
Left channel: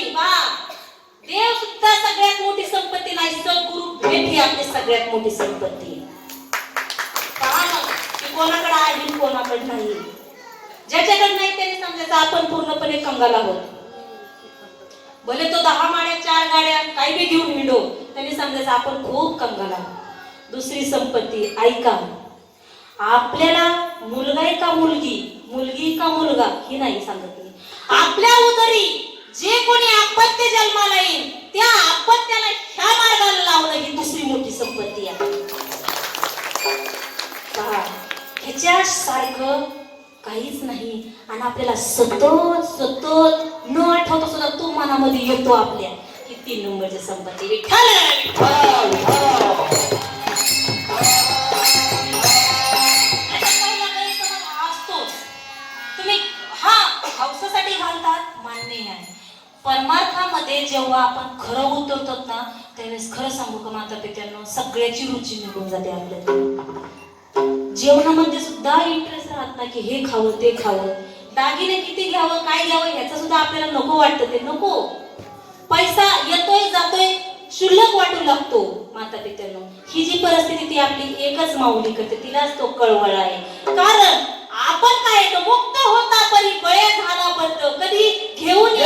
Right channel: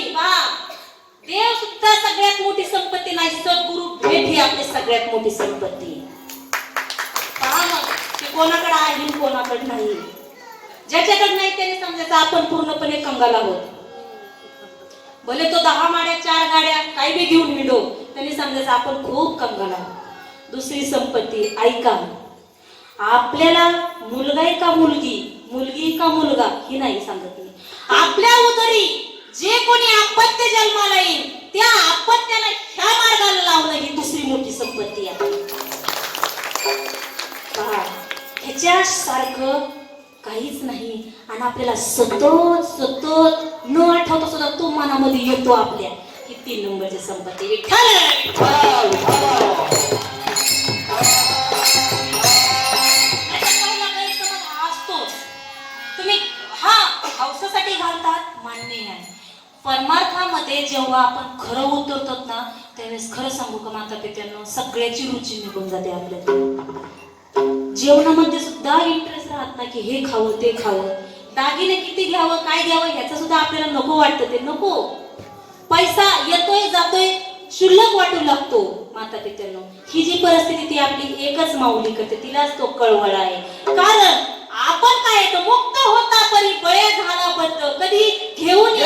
देव सुद्धा सगळ्यात मोठी संपत्ती नाही, सद्गुरू भेट ही आपली सगळ्यात मोठी संपत्ती. कोणाकडे आहे कोणाकडे नाही. ज्याच्याकडे नाही त्याने समजायचं आपण पूर्णपणे कंगाल आहोत. भले तो 10 माड्या 4 गाड्या काही बी घेऊन हिंडो, त्याने समजायचं आपण खूप कंगाल आहोत. दुसरी संपत्ती ऐका, आपल्याला मुलगा आहे का मुलगी, मुलगी का मुलगा ही नाही सांगत मी. आपल्या उदरी जे कोणी अपत्य जन्माला येईल त्या अपत्याला ह्या मार्गाला लावणं ही दुसरी मोठी संपत्ती आहे. ह्याच्या सारखं काहीच नाही. आणि आपल्याला सतत सतत न आठवता सुद्धा तो मनामध्ये येतो आपल्या, ही 3 नंबरची संपत्ती. विठ्ठल तुम्ही हा हौसासाठी घालतात मान्य आहे. परमार्थामध्ये जेव्हा आपण खरं उतरतात ना, त्यावेळेस खरं सांगू का माता पित्यांना, सगळ्याची रुची निघून जाते आपल्या. जेवणामध्ये सुद्धा इंटरेस्ट राहत नाही की हे खावं ते खावं, दागिने किती घ्यावं काय घ्यावं ह्याचं सुद्धा आपल्याला नको वाटतं. ते नको, पैसा येतोय जातोय शुल्लक वाटू लागतो. माता पित्यांना ही जी परिस्थिती ती आपली एकच माऊली करते, तिलाच तो कळवळा आहे. कारण आपण काय येतो मुक्त होता तरी बळे झाला बद्द, कधी घेऊन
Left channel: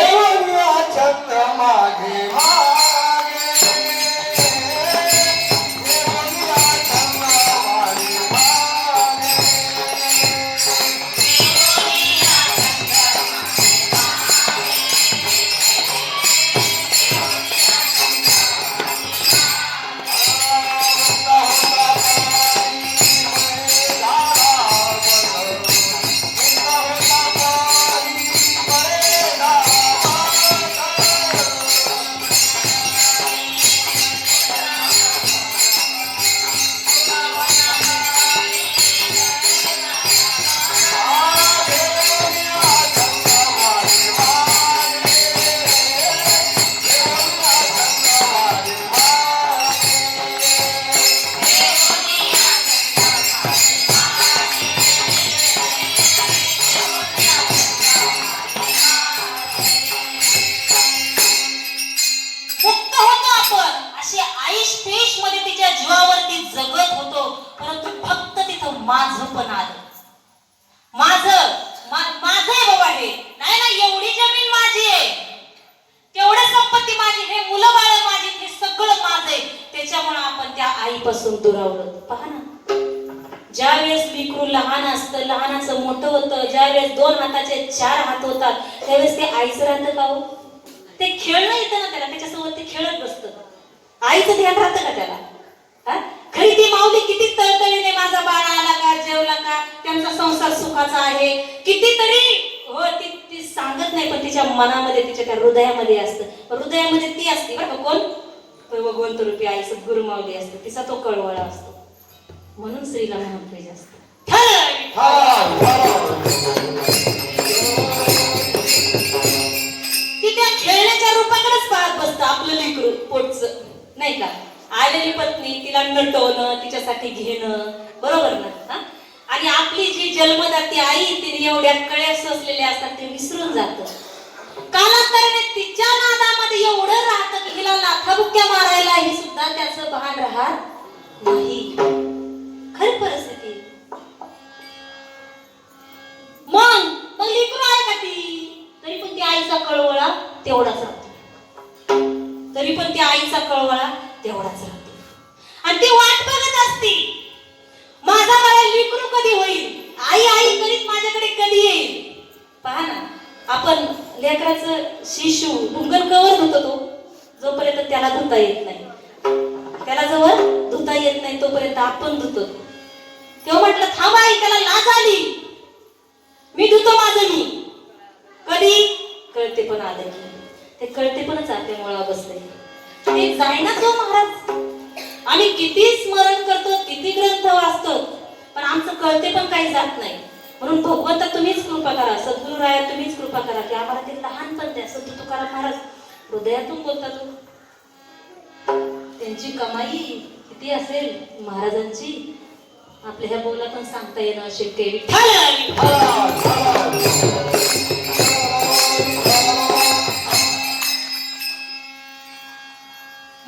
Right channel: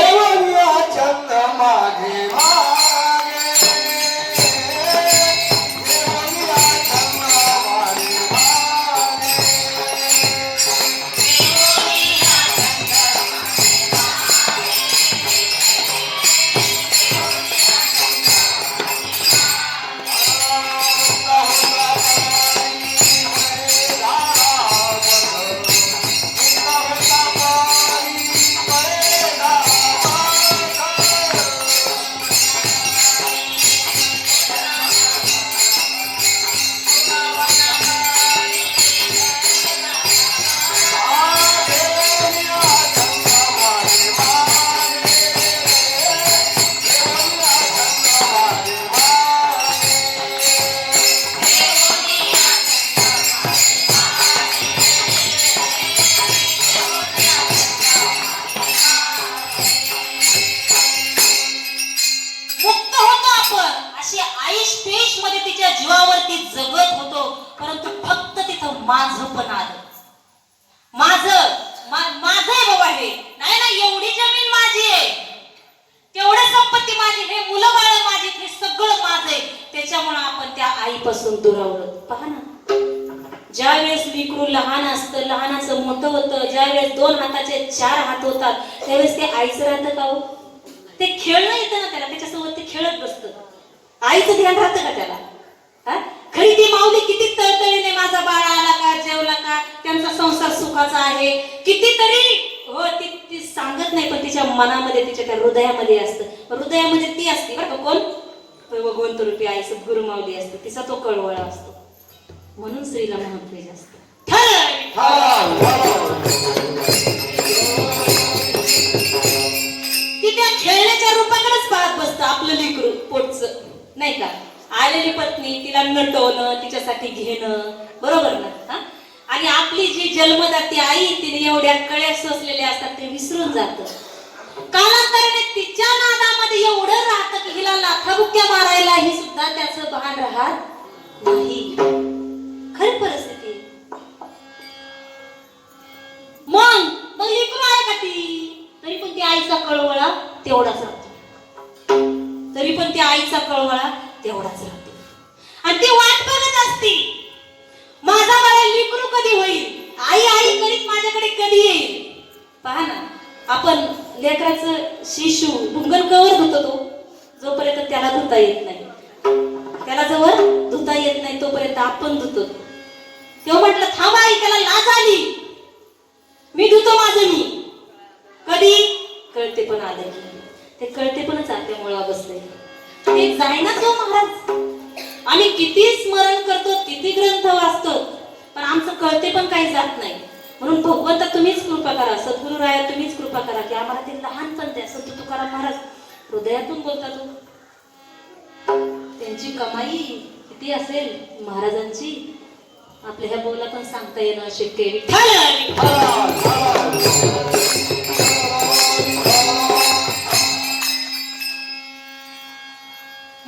आईपासून दुरावलं. पहा ना, ज्या वेळेस लेकरू लहान असतं, लहानाचं मोठं होतं, ज्या वेळेस 2 हाताचे 4 हात होतात, त्यावेळेस ते आईचं राहतं का हो? ते खेळणं येतं ना त्याला, त्याच्यासोबत ते खेळत बसतं. आईचं ध्यान राहतं का त्याला? खरी ती माऊली किती तळतळीने माझा बाळा आला का, जेवला का, त्यांचा संसार सुखाचा आहे कितीतरी हो, ती सांगत नाही, पण तिच्या मनामध्ये तिच्या त्या हृदयामध्ये असतं. हृदयामध्ये ती असते का कोण? भगवंत रूपी आई सद्गुरु माऊली असते, तिचा तो कळवळा असतो. म्हणून स्त्रीला महत्त्व जास्त. ती त्या खेळण्याच्या रूपाकडेच पाहत बसतं आपलं लेकरू पोटचं, नाही का? आलेली पत्नी तिला नटवणं, तिच्यासाठी घेणं, बरोबर ना? आणि आपली जी जन्मदाती आई, तिने एवढ्या कळ्या सोसलेल्या असतात ते विसरून जातं. कालांतराने तिच्या नादामध्ये एवढं राहतं की हिला लाथाबुक्या मारायला ही सुद्धा त्याचं भान राहत नाही. खरी परिस्थिती. मग लेकरू आहे का ती, तरी पण ती आईचा कळवळा तेवढाच राहतो. तरी पण ती आईचा कळवळा तेवढाच राहतो. आणि ती वाट बघत असते, माझा बाळा लेकरू कधी होईल, आई आई करीत माझ्याकडे कधी येईल. पहा ना, आपण लेकराचं शिशू डुंगर कवर धुतो, तो जोपर्यंत त्याला धुता येत नाही, त्याला जवळ धुता येत नाही तोपर्यंत आपण धुतो. तेव्हा म्हटलं थांबा आई, त्याला लाज आली, मी धुतो माझं मी. कधी कळते पण आलं की ते कळते पण जाते मुळा बसले. जाईना तो महाराज. आम्ही किती स्मरण करतो, किती ग्रंथ वाचतो, पण आमचं कळते पण काही जात नाही. म्हणून भगवंता तुम्हीच कृपा करा, सद्गुरु राया तुम्हीच कृपा करा की आम्हाला ते लहानपण द्या. संत तुकाराम महाराज हृदयातून बोलतात. त्यांची कमाई किती असेल महाराजांची, आपल्या ह्या बोलातून सांगता येणं शक्य आहे.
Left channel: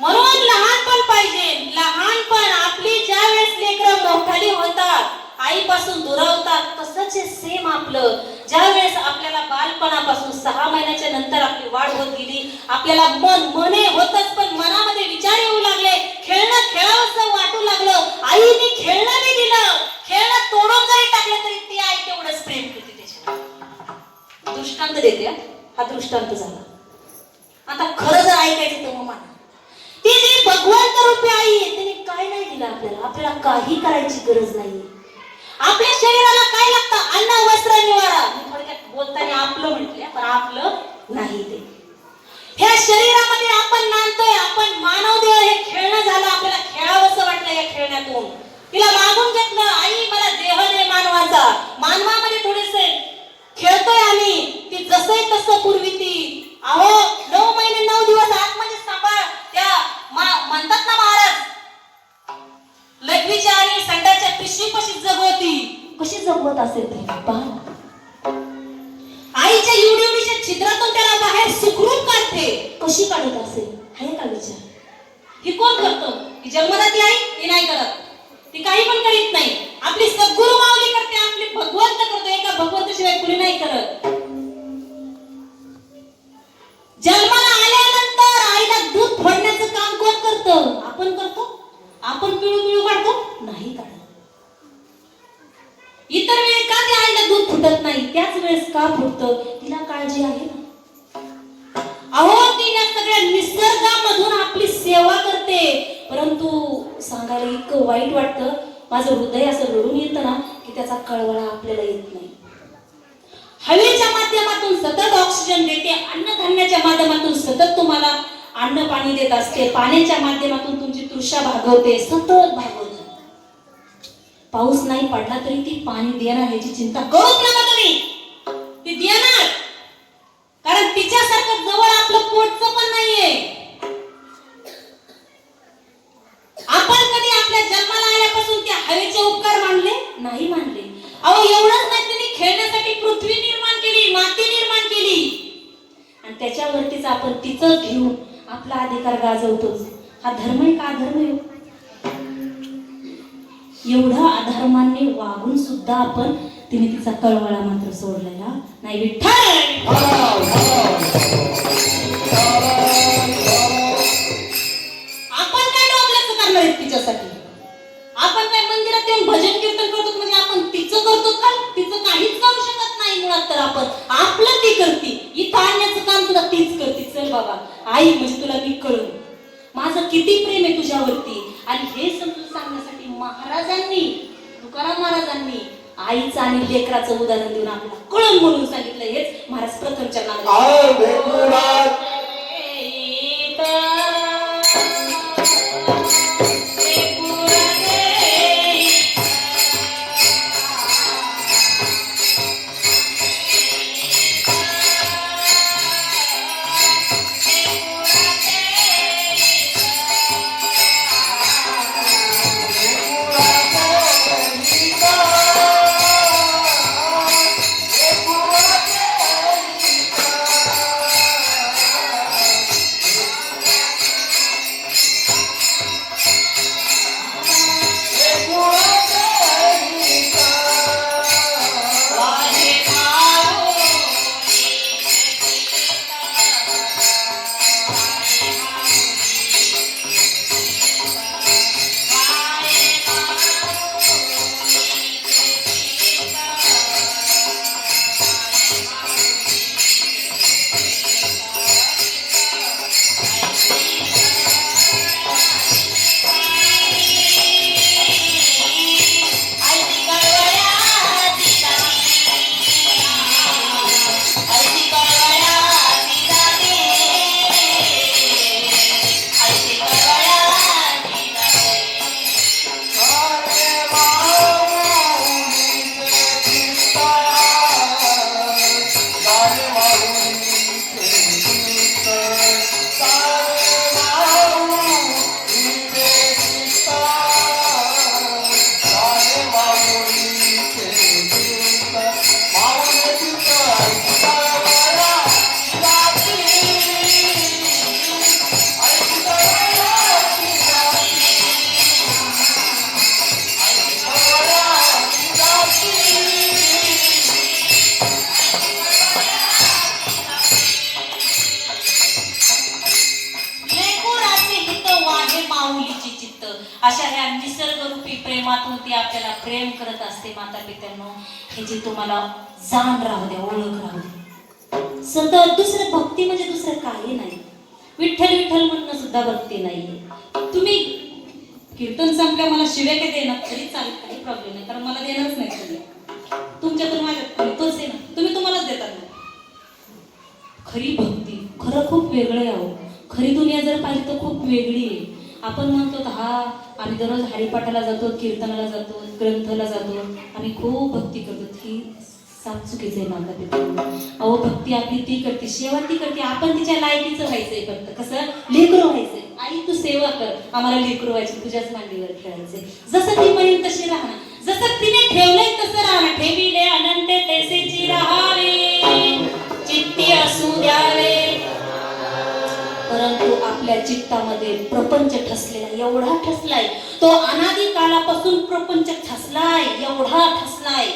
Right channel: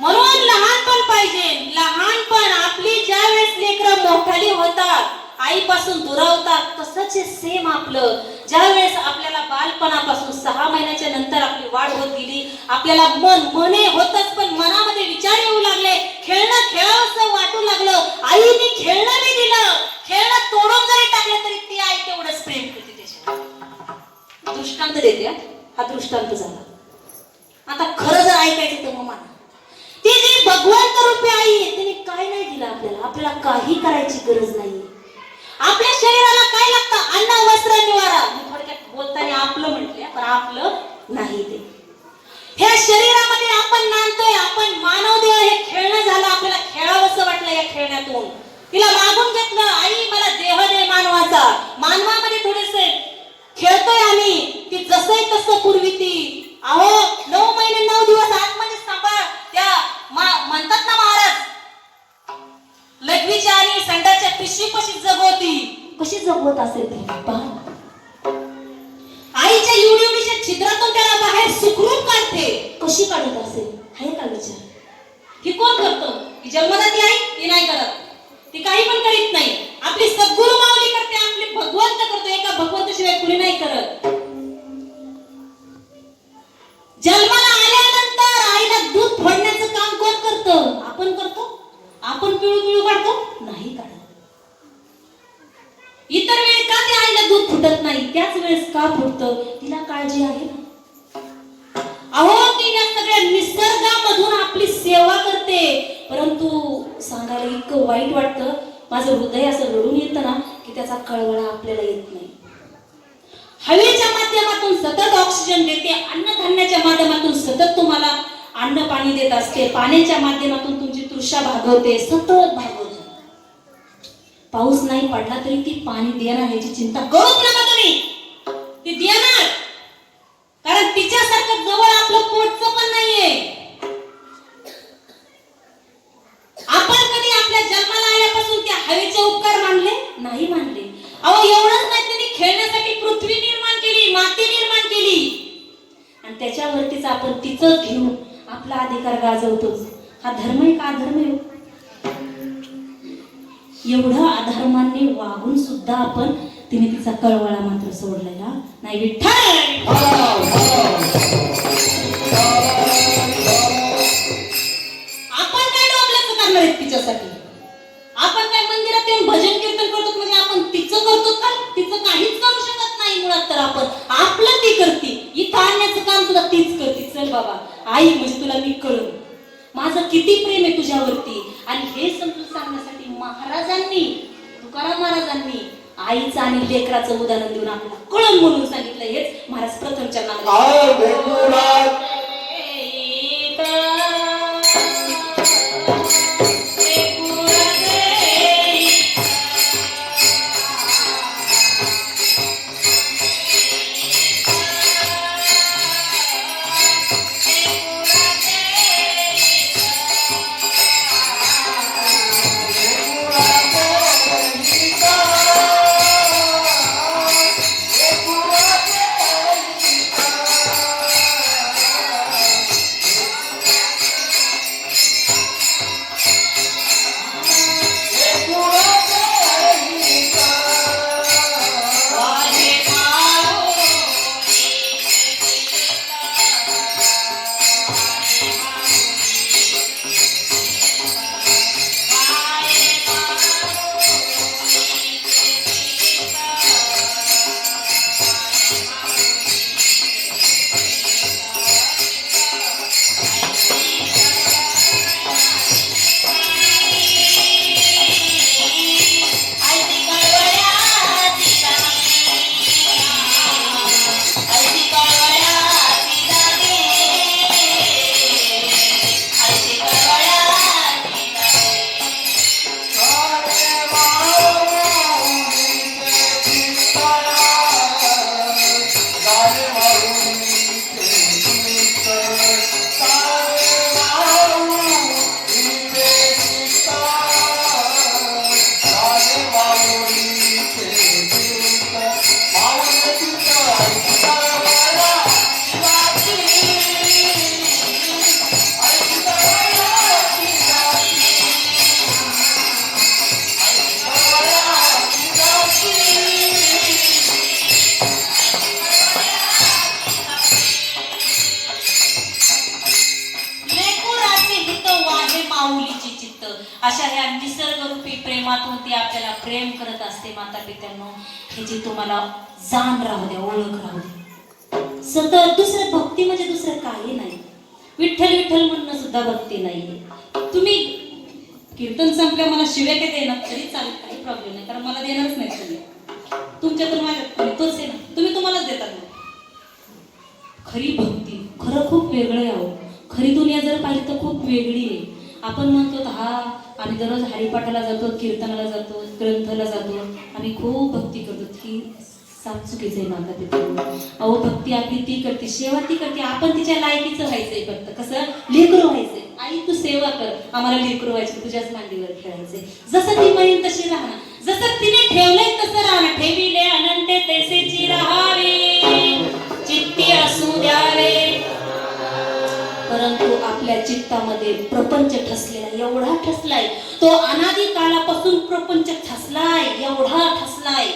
म्हणून लहानपण पाहिजे. लहानपण आपली ज्या वेळेस लेकरं मोठाली होतात, आईपासून दुरावतात, तसंच सेम आपलं ज्या वेळेस आपल्याला बालपणापासून 6 महिन्याच्या नंतर आपली वाढ होत गेली, आपल्याला मने होतच, पण मनामध्ये विचार येऊ लागले, खेळणं खेळावंसं वाटू लागलं, आईने खेळणं नाही दिलं, खेळणं तोडून जरी टाकलं तरी ती आई तेवढंच प्रेम करते त्याच्यावर. दृष्टांत देते, हा दृष्टांत झाला. आता खरं जर ऐकायचं तर मग ती जी भगवंत रूपी आई आहे, तिने काय नाही दिलं आपल्याला. आपल्याला काही करायची गरज नाही. आपल्या शरीराला काय लागतं? अन्न, वस्त्र, निवारा. थोडक्यात बोलताना आपलं म्हटलंय, पण आपलं नाही ते. ह्या शरीरामध्ये आपण नांदतोय, आपण मानव देव. हे खेळणं झालं, आपल्याला खेळावंसं वाटलं या खेळण्यातून. तिला मागून घेतलं, आई मला देह दे मानवाचा. मानवामध्ये थोडेसे खेळतोय आम्ही. ती जसं तसं पूर्वी ती 9 महिने 9 दिवस आतमध्ये सांभाळ. त्या म्हणतात ना महाराज, लघवीच्या आणि संडाच्या पिशवी कशी जगवती, कशी जगवत असेल ती. आईच्या एवढीच्या छिद्रातून त्याला बाहेर सुखरूप काढते, कशी काढत असेल हे का विचार. ही कोण करतो? ही जन्मला ती आई, ती नाही करत. ती काही पण करीत नाही. आपली सद्गुरु माऊली करते, आपली भगवंत करतो. एका भगवंताशिवाय कुणी नाही करत. जन्माला आल्यानंतर आईला दूध फोडण्याचं काम कोण करतं? आपण करतो. आपण पिळू काढतो? नाही काढत. इतर वेळेस का त्या आईला दूध फुटत नाही, त्याच वेळेस का फुटतं? तिला काळजी आहे. अहो, ती या सगळ्या निसर्गामधून आपली सेवा करते. परंतु सांगायला इतकं वाईट वाटतं, माझं हृदय असं रडून येतं ना की त्याचा कळवळा आपल्याला येत नाही. हवेच्या माध्यमातून सतत ऑक्सिजन देते, अन्नधान्याच्या माध्यमातून सतत तुम्हाला अन्न पाणी देत असते, पाण्याच्या माध्यमातून तुमची तृषा भागवते, सतत भागवते. पाऊस नाही पडला तरी ती पाणी देणार याची चिंता करूच नका तुम्ही. ती देणार, कारण तिच्यासारखं जवळ आपलं पोटचं पण नाहीये. आपण कधी आपल्या जन्माला आल्यापासून त्या हवेचे उपकार मानले नाही? मानले. अहो, एवढंच नाही, त्यांनी खेळण्यासाठी पृथ्वी निर्माण केली, माती निर्माण केली, आणि त्याच्यावरतीच आपण तिचं घेऊन आपला अधिकार गाजवतोच. हा धर्म आहे का? धर्म आहे. एवढं अधर्माने वागून सुद्धा आपण तिने तिचा कळवळा मात्र सोडलेला नाही. आपण काय डोंगराचं करणार आहे तिच्यासाठी? आपण काय मंदिरात येऊन भजन कीर्तन करतो म्हणजे आपण तिचं करतो का? तिचं काहीच करू शकत नाही. मुळात तर आपण आपलं ती करते. इथं आणण्याचं काम तुला तीच करते. चल बाबा, आई म्हणजे तुला मी कळू, माझं किती प्रेम आहे तुझ्यावरती. आणि हे समजून सांगण्यासाठी महाराजांनी, तुकाराम महाराजांनी आईचं आणि लेकराचं उदाहरण देऊन आपल्याला कळण म्हणून सांगितलं. हेच महाराज प्रथमच्या नावाने ह्या निसर्गरूपी प्रेमातून ती आपल्याला प्रेम करत असते माता पित्यांनो. हे जे तुम्हाला जाण राहू द्या, ओळख राहू द्या. सतत दुसरं भक्ती म्हणजे दुसरं काही नाही. विठ्ठल विठ्ठल म्हणणं सुद्धा भक्ती नाहीये. तुम्ही कीर्तन संपले मला शिव्या काय देणार तरी चालेल, काही प्रॉब्लेम नाही, कारण मला देणारच नाही शिव्या. तुमच्यातून माझ्यात तोच आहे ना, तुम्ही तुम्हालाच देतात ना. खरी भक्ती खरं खूप वेगळं आहे. खरी दुनिया जर पाहिली तर खूप वेगळी आहे. आपण म्हणतो हा आम्ही दररोज हरिपाठाला जातो, कीर्तनाला जातो, ग्रंथाला जातो, आम्ही खूप भक्ती करतो. ही साफ चुकीचं आहे माता पित्यांनो. अहो भक्ती आपली ती करते, सेवा ती करते. आपण तिच्या लायकीचं व्हायचंय, फक्त कसं लेकरू व्हायचंय. आई तू सेवा कर, आम्हाला लेकरू व्हायचे, तुझ्याच मांडीवर खेळायचे. जसं ती महिन तशी राहणार, जसं तिने ठेवलंय तसं राहणार. ठेविले अनंते तेसेची राहावे, चित्ती असू द्यावे. परंतु आपल्या चित्तामध्ये प्रपंच ठसलेला, एवढा ठसलाय तो, अनादी काळापासून प्रपंच ठसलाय, एवढा ठसलाय.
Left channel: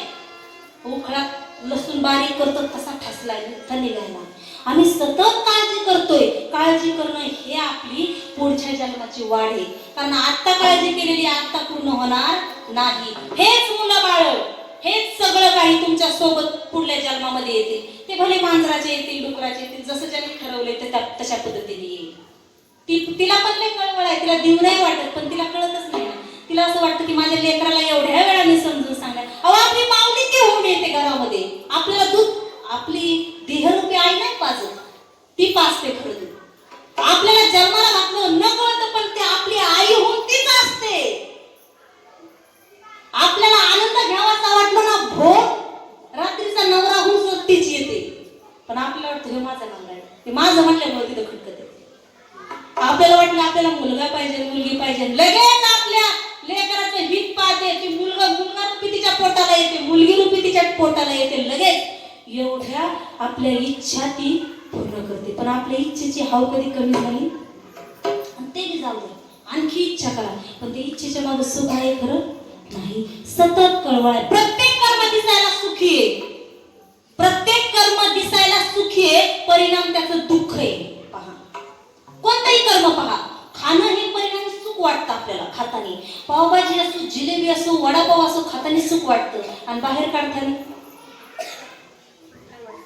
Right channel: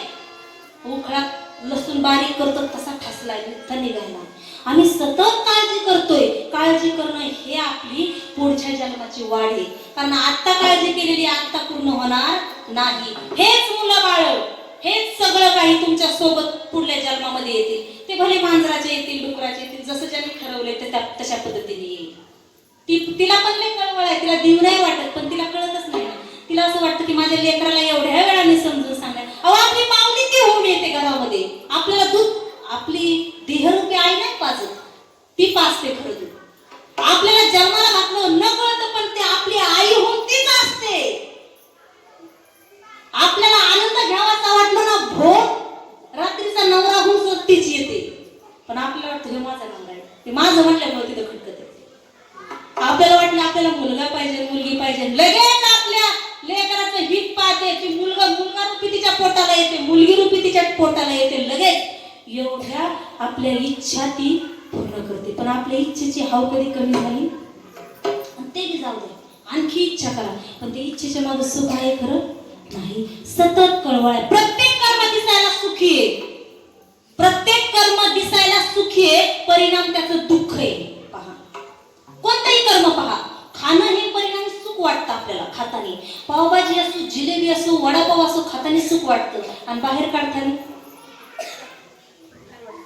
उखळात लसूण बारीक करतो तसा ठसलाय, निघाला. आम्ही सतत काळजी करतोय. काळजी करणं हे आपली पुढच्या जन्माची वाढ आहे. कारण आता काळजी केलेली आता पूर्ण होणार नाही. हेच मुलं बाळ, हेच सगळं काही तुमच्या सोबत पुढल्या जन्मामध्ये येतील. ते भले मांजराचे येतील, डुकराचे येतील, जसं ज्यांनी ठरवले ते तशा पद्धतीने येईल. तिला पण लय कळवळ आहे, तिला देव नाही वाटत, पण तिला कळतच नाही. तिला असं वाटतं की माझ्या लेकराला एवढ्या वेळाने समजून सांगणार. अहो आपली माऊली ती होऊन येते घरामध्ये, आपल्याला दूध आपली देहरूपी आई नाही पाजत, ती पाजते खरं दूध. आपल्याला जन्माला घातलं न कळत, पण ते आपली आई होऊन तीच असते. आपल्याला आनंद घ्यावाचा वाटलं ना, भोग रात्रीचा नवरा होऊन तीच येते. पण आपल्याला वाटतं हे माझा नवरा आहे, ते माझं म्हटल्यामुळे तिथं खटकत आहे. आपल्याला वाटलं आपल्याला मुलगा पाहिजे, मुलगी पाहिजे, लगेच आपल्या लेकराचं हित पाहते की मुलगा रूपी तिच्या पोटाला येते, मुलगी रूपी तिच्या पोटाला येते. लगेच एवढ्या आपल्या इच्छा ती पूर्ण करते. पण आपल्या इच्छेची हाव कधी कमी झाली, ते बी जाऊ दे, आणखी इच्छा करा, पण ते इच्छेच्या मागे सुख आहे खरं नाही. सतत कळवळ आहे. प्रत्येक कर्म दिसायला सुखी आहे, प्रत्येक कर्म दिसायला सुखी आहे, परिणाम त्याचं दुःख आहे. पहा कोणतंही कर्म पहा, खाणं हे परिणामी सुख वाटतं आपल्याला खाताना. पावभाजी असो, जिलेबी असो, वडापाव असो, खाताना सुख वाटतं, आणि बाहेर काढताना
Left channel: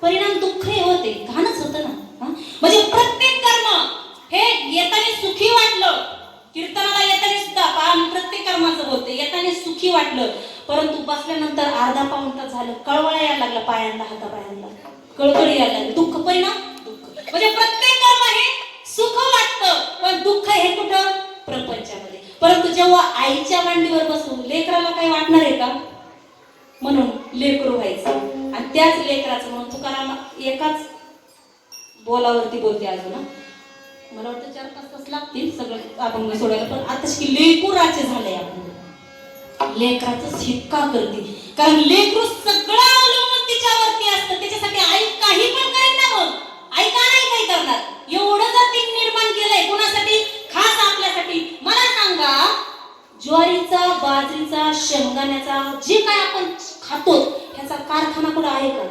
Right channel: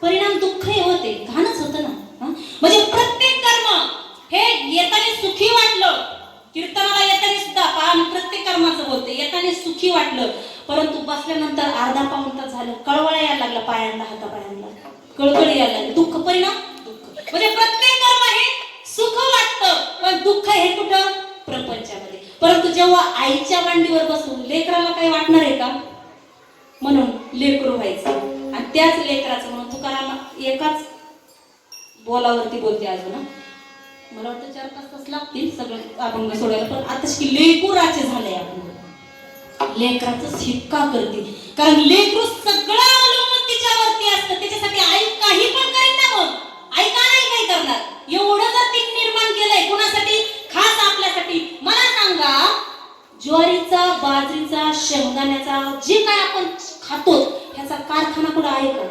परिणाम दुःख हे होते, घाणच होतं ना. म्हणजे प्रत्येक कर्म हे येताना सुखी वाटलं, कीर्तनाला येताना सुद्धा कारण प्रत्येक कर्माचं बोलते, येताना सुखी वाटलं, परंतु बसल्यानंतर अर्धा पाऊण तास झालं कळवळा यायला लागला, पायांना हातापायांना कळकळ यायला लागली, दुःख परिणाम दुःख. म्हणजे प्रत्येक कर्म हे सुख वाटतं, पण दुःख हे कुठं प्रपंचामध्ये. परंतु जेव्हा आईच्या मांडीवर बसून लेकराला काही वाटणार आहे का, म्हणून लेकरू व्हायचं. आणि त्याच लेकराचं म्हणून तुकाराम एकाच बोलावरती बोलते अजून, मला वाटतं 4-5 तास लागतील सगळं आपण सोडायला. पण आता लेकूराचे झालंय, आपण लेकराचं शिक्का करते, कारण लेकरू सगळं अवलंबून तिच्यावरती असतं. त्याच्यासाठी आई काही पण करेल ना, मग आई का नाही काय करणार. एवढं जर तिने निर्माण केलंय कोणासाठी, खास आपल्यासाठी. मला सांगा, ज्वारीचा, बाजरीचा, शेंगदाण्याचा जे काय आपण खातो ह्याचा कारखाना कुठं आहे का?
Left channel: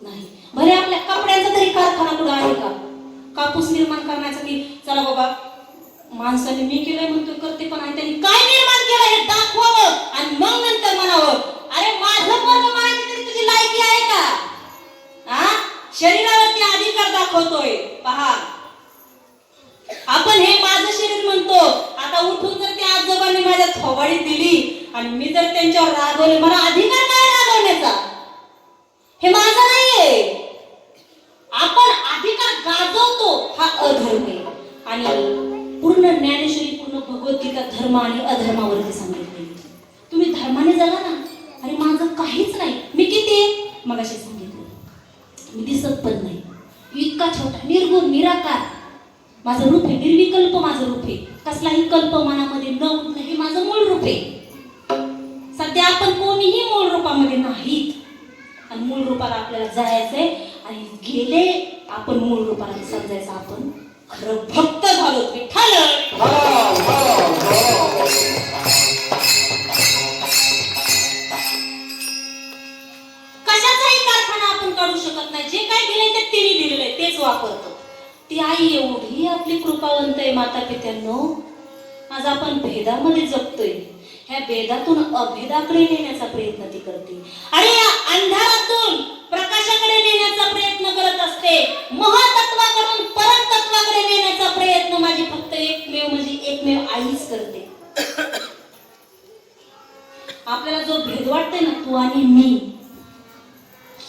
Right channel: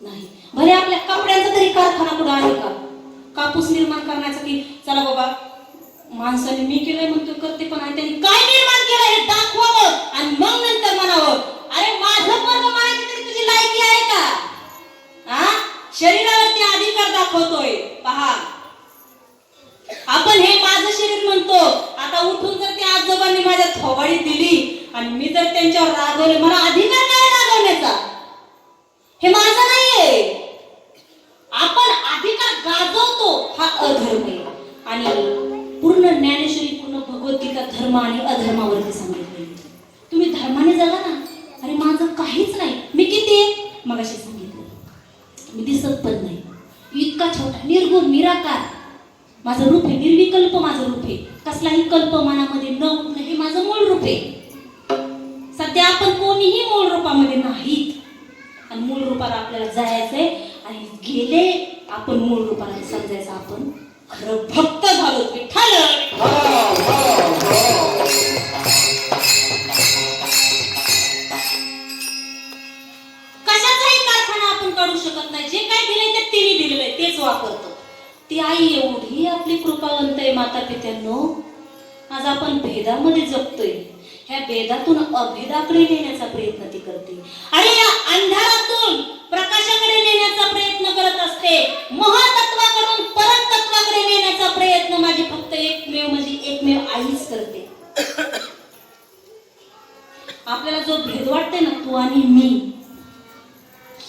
नाही. भले आपल्या कपड्यांचा तरी कारखाना कुठं आहे का? कापूस निर्माण करण्यासाठी चला बाबा माणसाने मी केलंय म्हणतो करते, पण आणि त्यांनी काय निर्माण केलं हे दाखवावं आणि मग नंतर म्हणावं अरे माझं पण म्हणायचं तरी तुझी लायकी आहे का? शरीरावरती अधिकार दाखवतोय. पहा आपण हे माझं शरीर म्हणतो, आता उठून जर त्या आजोबांनी माझ्या थोबाडी दिली आणि मी जर त्यांच्यावर रागवले, मला अधिकार नाही रागवण्याचा, हे माझं नाहीये. आपण अधिकार गाजवतो हा अधर्म आहे. आणि पूर्ण ज्ञानेश्वरी, पूर्ण भगवद्गीता धर्म आणि अधर्मावरती सांगितले. तुम्ही धर्माने जगा ना. अरे माझं काहीच नाही, मी किती आहे मगाशी सांगितलं, मी दिसत पण नाही, इतका छोटा निर्गुण निराकार माझं रूप आहे, निर्विकल्प माझं रूप आहे, कसलाही कल्प मनामध्ये न उठणं हे माझं मूळ रूप आहे. सध्या आपण कोणीही मूळ रूपामध्ये नाहीत, आणि मूळ रूपाला आपल्याला जायचंय. आणि गेले आपण मूळ रूपाला समजायचं, आपण खरं भक्त झालो. कशाचाही कारखाना आपण काढू शकत नाही. जे काय दिले ते तिने दिलेलं तेच वापरतो. ती आई एवढी आपली कृपावंत आहे माता पित्यांनो. आज आपण भेदामध्ये जगतोय, ह्या भेदातून अभेदाकडे नेण्याचा प्रयत्न ती करते आणि या अंधारातून प्रकाशाकडे नेण्याचा प्रयत्न करत असते. महातत्वाकडून परतत्वाकडे नेण्याचा प्रयत्न माझी फक्त एकमेव आईच करते. आपल्याला जो भेद वाटते ना, तू आणि मी,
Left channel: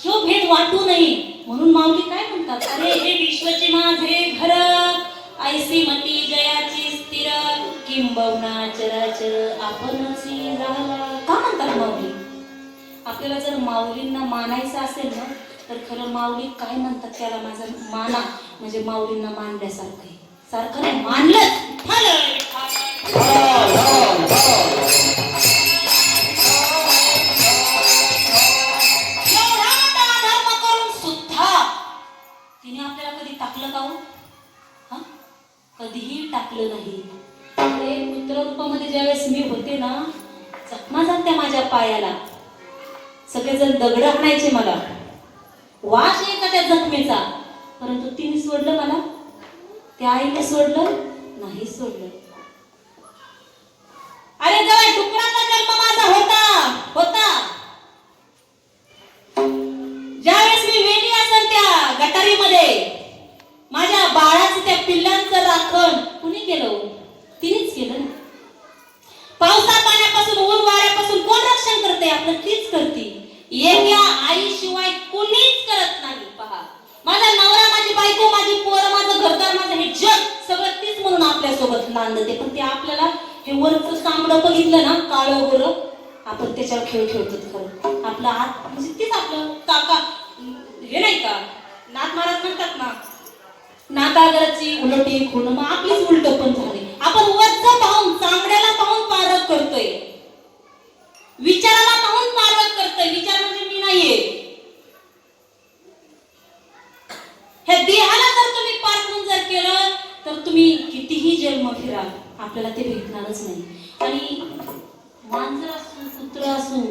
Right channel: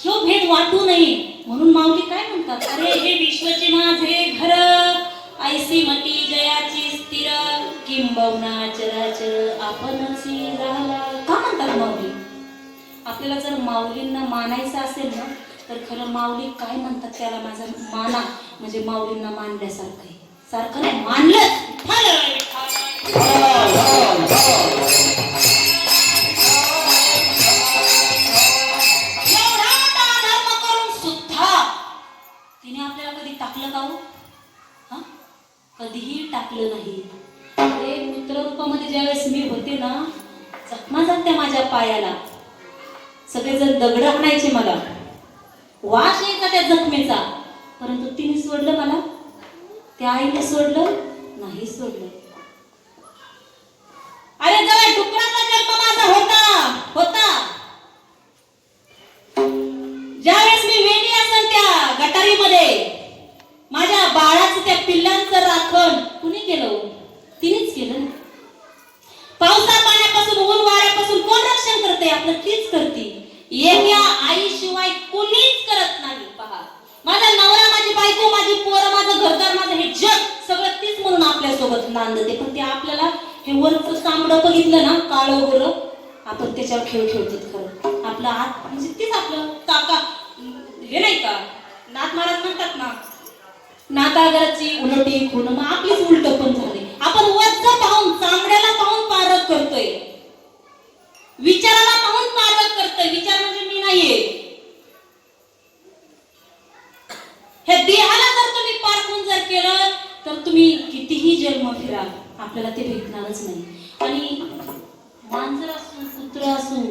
तो भेद वाटू नये म्हणून माऊली काय म्हणतात, अरे हे विश्वचे माझे घर, ऐसी मती जयाची स्थिर, किंबहुना चराचर आपणची राहा. का म्हणतात माऊली? आपल्याला जर माऊलींना मानायचं असेल ना, तर खरं माऊली काय म्हणतात त्याला, माझा माना म्हणजे माऊलींना मानल्यासारखं आहे. सारखं नाही मानलं तिने आपल्याला कधी टाकलं का हो? कधीही टाकलं नाही. अरे मित्रत्वामध्ये ज्यावेळेस मी होते ना, जखमा झाल्या माझ्या पायाला, सगळेजण दगड आणायचे मला, वास यायचा त्या जखमेचा, परंतु तिने सोडलं मला, त्या आईने सोडलं नाही सोडलं. अरे जरा डुकराचा जन्म माझा होता ज्यावेळेस मी वेणी असेल त्या गटारीमध्ये, माझ्या बाळाचं त्या पिल्लांचं राखण कुणी केलं? तिनेच केलं. पावसा पाण्यापासून ऊन वाऱ्यापासून कोण रक्षण करते? आपलं तीच करते. एका आईशिवाय कोणीच करत नाही. पहा, माझा नवरा, माझी बायको, माझी पोरं, माझं घरदार, माझं हे जग सगळं तीच म्हणून आपल्यासोबत नांदते. पण ते आपल्याला हे वरचं चांगलं बघितलं ना, काळं गोरं, आपण त्याच्यावर खेळ खेळते. खरं आपला हात म्हणजे तीच आपलं काका हे नाही का, नाथ महाराज म्हणतात ना, नाताळगराची उलटी खुणून आपलीच उलट पण झाली. आपण वरचं पाहून, चांगल्याला पाहून पारख करतोय, विचाराला पाहून पारख करतोय. विचार म्हणजे मी नाहीये. हे देहाला जर तुम्ही पारखून जर केलं तर तुम्ही कितीही जन्म फिरा, आपल्याला ते भेटणारच नाही. आणि मांजर असू, कुत्र असू,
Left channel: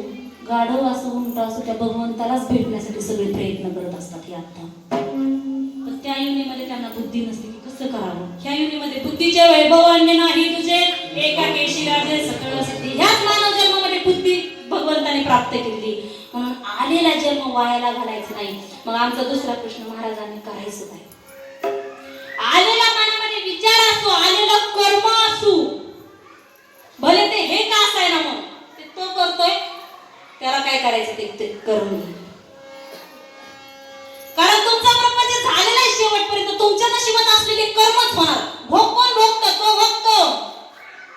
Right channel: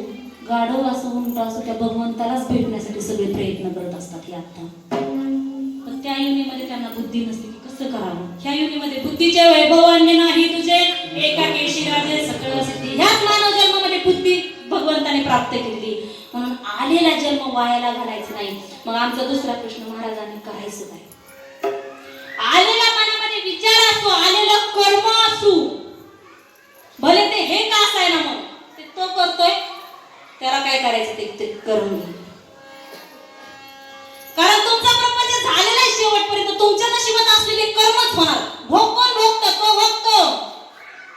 गाढव असू, उंट असू, त्या भगवंतालाच भेटण्यासाठी सगळे प्रयत्न करत असतात. हे आता पण त्या योनीमध्ये त्यांना बुद्धी नसते की कसं करावं. ह्या योनीमध्ये बुद्धीच्या वैभवान्य नाही तुझे, एका केशी राजे सकळ असते. ह्याच मानव जन्मामध्ये बुद्धी भगवंताने प्राप्त केली, म्हणून आलेला जन्म वायाला घालायचा नाही. मग आमचा दुसरा प्रश्न महाराजांनी करायचं काय? आलेला मनामध्ये विचार असो, आलेलं कर्म असू, भले ते हे का असाय ना, मग ते तो करतोय, त्याला काय करायचं ते करून घे. कारण तुमचा कर्म जे झालेलं आहे शेवटपर्यंत तुमच्या नशिबात असलेले कर्मच होणार. भोग कोण भोगतं? तो भोगतो,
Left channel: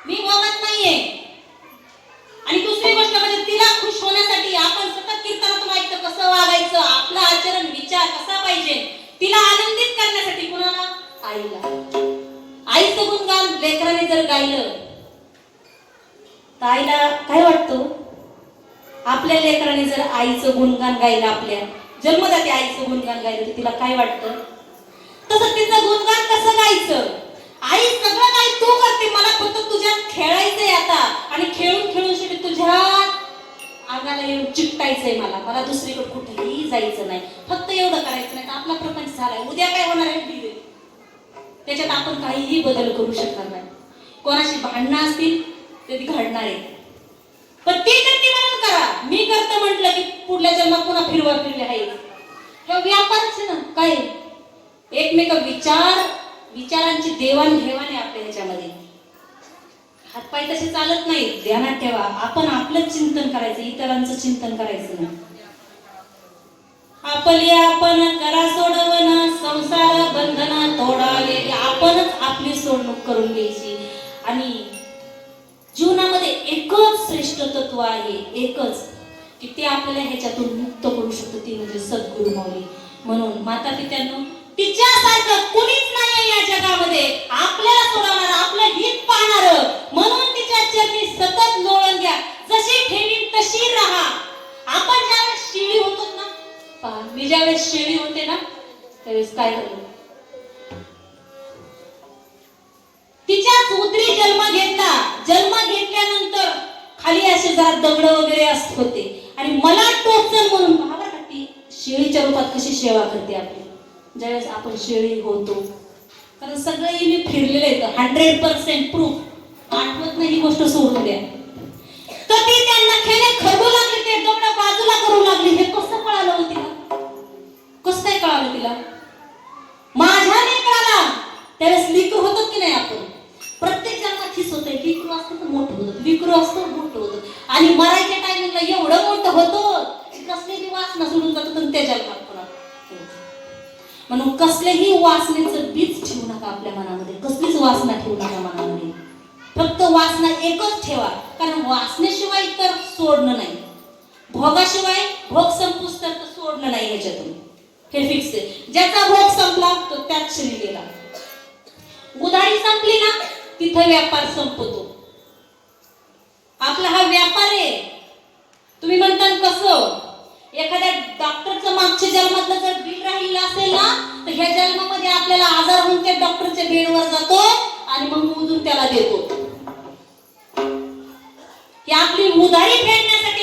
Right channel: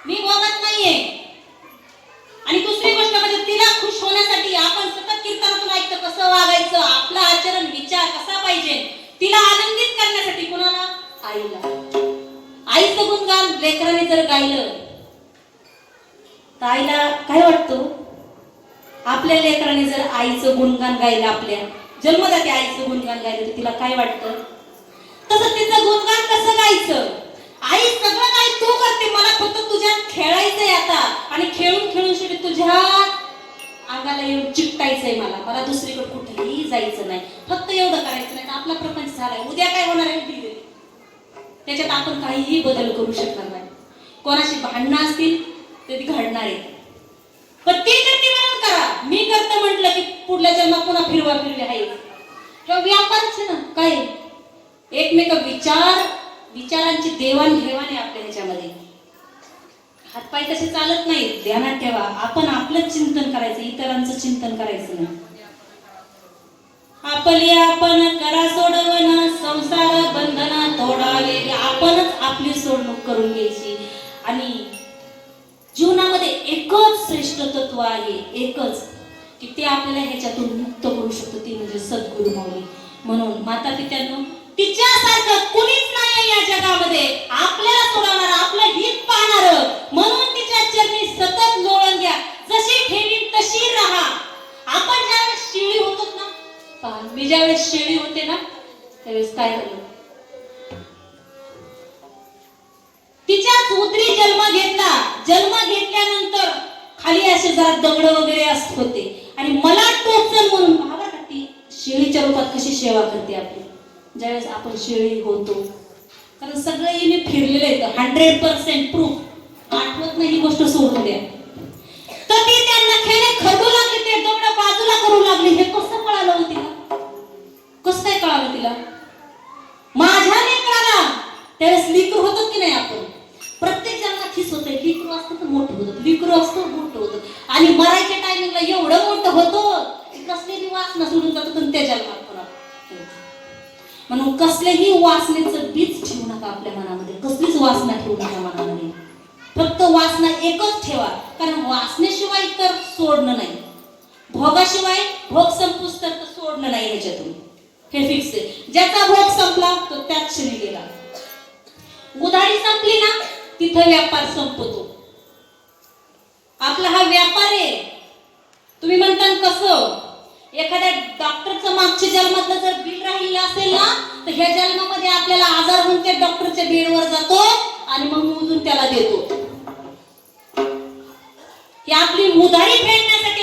मी भोगत नाहीये. आणि दुसरी गोष्ट म्हणजे तिला खुश होण्यासाठी आपण सतत कीर्तनातून ऐकतो कसं वागायचं, आपलं आचरण विचार कसा पाहिजे, तिला आनंदित करण्यासाठी कुणाला? आईला. आईचं गुणगान लेकराने जर गायलं तर आईला काय वाटतं? आपल्या लेकराने जर आईचं गुणगान गायलं, आपल्या जन्मदाती आईचं गुणगान गायलं तर तिला काय वाटतं? तसं तिचं गुणगान कसं गायचं? आई सगळं काही तू करते, मला फक्त तुझ्यात खेळायचंय आता, आणि खेळून खेळून शेवटी तुझ्या अंगाला येऊन चिकटायचंय. मला दुसरीकडे कुठेही जायचं नाही, फक्त एवढं करायचं नाही तर आपला प्रपंच झालाय. उद्या काय होणार आहे त्याच्यात आपण काहीही बदल करू शकणार नाही. कोणाशी भांडणं असतील तर ती घडणार आहे, पण ते करते म्हणून करा. मी करते म्हटलं की पुढल्या जन्मात पुन्हा फिरवा फिरले आहे. हे व्यापारच ना, काय एकमेक विचारांची देवाणघेवाण आहे आपल्या ह्याच्यामध्ये. हातपाय तसे चालत नाही, ध्यानात ठेवा. आपण आपलं चिंतन करायचं, इतरांचं चिंतन करायचं ना. आपण करा सोडवणं, संसार बंधना तोडावे, आपणच आपली सोडणूक करून घ्यायची. आणि जीवनामध्ये एकच श्रेष्ठ तत्व आहे, एकच, की ते आपल्याला ह्याच्यातून मुक्त करू शकतो, ती म्हणजे सद्गुरू माऊली. म्हणून माता पित्यांनो, तिच्यासारखं कुणीच नाही या जगामध्ये आपल्याला सोडवणार, आपलं हित पाहणार. म्हणून तिच्या चरणी सतत लोळण घ्या, जशी ठेवी तशी राहा. आपण ज्यावेळेस शेळी होतो ना, मी ज्यावेळेस शेळी होते ना, त्यावेळेस काय झालं, तिच्याच उदरी जन्म घेतल्यानंतर खाली असे जरा दगड वगैरे असत होते, आणि मला टोचन म्हणून बघा ती शेळीच्या रूपात कशी सेवा करते आपली. ज्यावेळेस आपण शेळी होतो, कारण सगळं मी फिरलेलं आहे, 100% प्रूफ. आठवत पहिली गोष्ट सोडून द्या. कधी त्यांना खेळे खरडू लागले, ते डोळा बाजूला करू लागले, हे कसं कळालं हो तिला? कसं काय कळालं तिला? माझ्याने कळाला. त्यावेळेस लिकूर होतं की नाही? आपण प्रत्येक जणांना खिस होते, लिकूर असतं तर मोठं होतं, लिकूर असतं मोठं होतं. आणि मराठी टायमिंगला एवढं मोठं होतं कसलेही वासना सोडून जातो, पण त्या जन्मात म्हणून कसलेही वासनेचं बीज ठेवू नका आपल्या मनामध्ये. कसलीच वासना ठेवू नका मनामध्ये. फक्त वासना एकच ठेवा, कारण वासनेशिवाय तर सोडणं नाही, भोगाशिवाय भोग संपूस तर सोडणं नाही ह्याच्यातून. हे फिक्स आहे. ज्याचा भोग संपला तो त्याच क्षणी गेला. उधारी संपली ना तिथं व्यापार संपतो. आपला हा व्यापार आहे. तुम्ही म्हणता कसं? एखाद्या डॉक्टरचं मागच्या जन्मातलं जर बिल राहिलेलं असेल ना, तर ह्या जन्मामध्ये आपल्याला आजार होऊन त्या डॉक्टरच्या बेडवर जातो आणि मग उधून त्याला देतो. ही आपली उधारी फेडण्यासाठी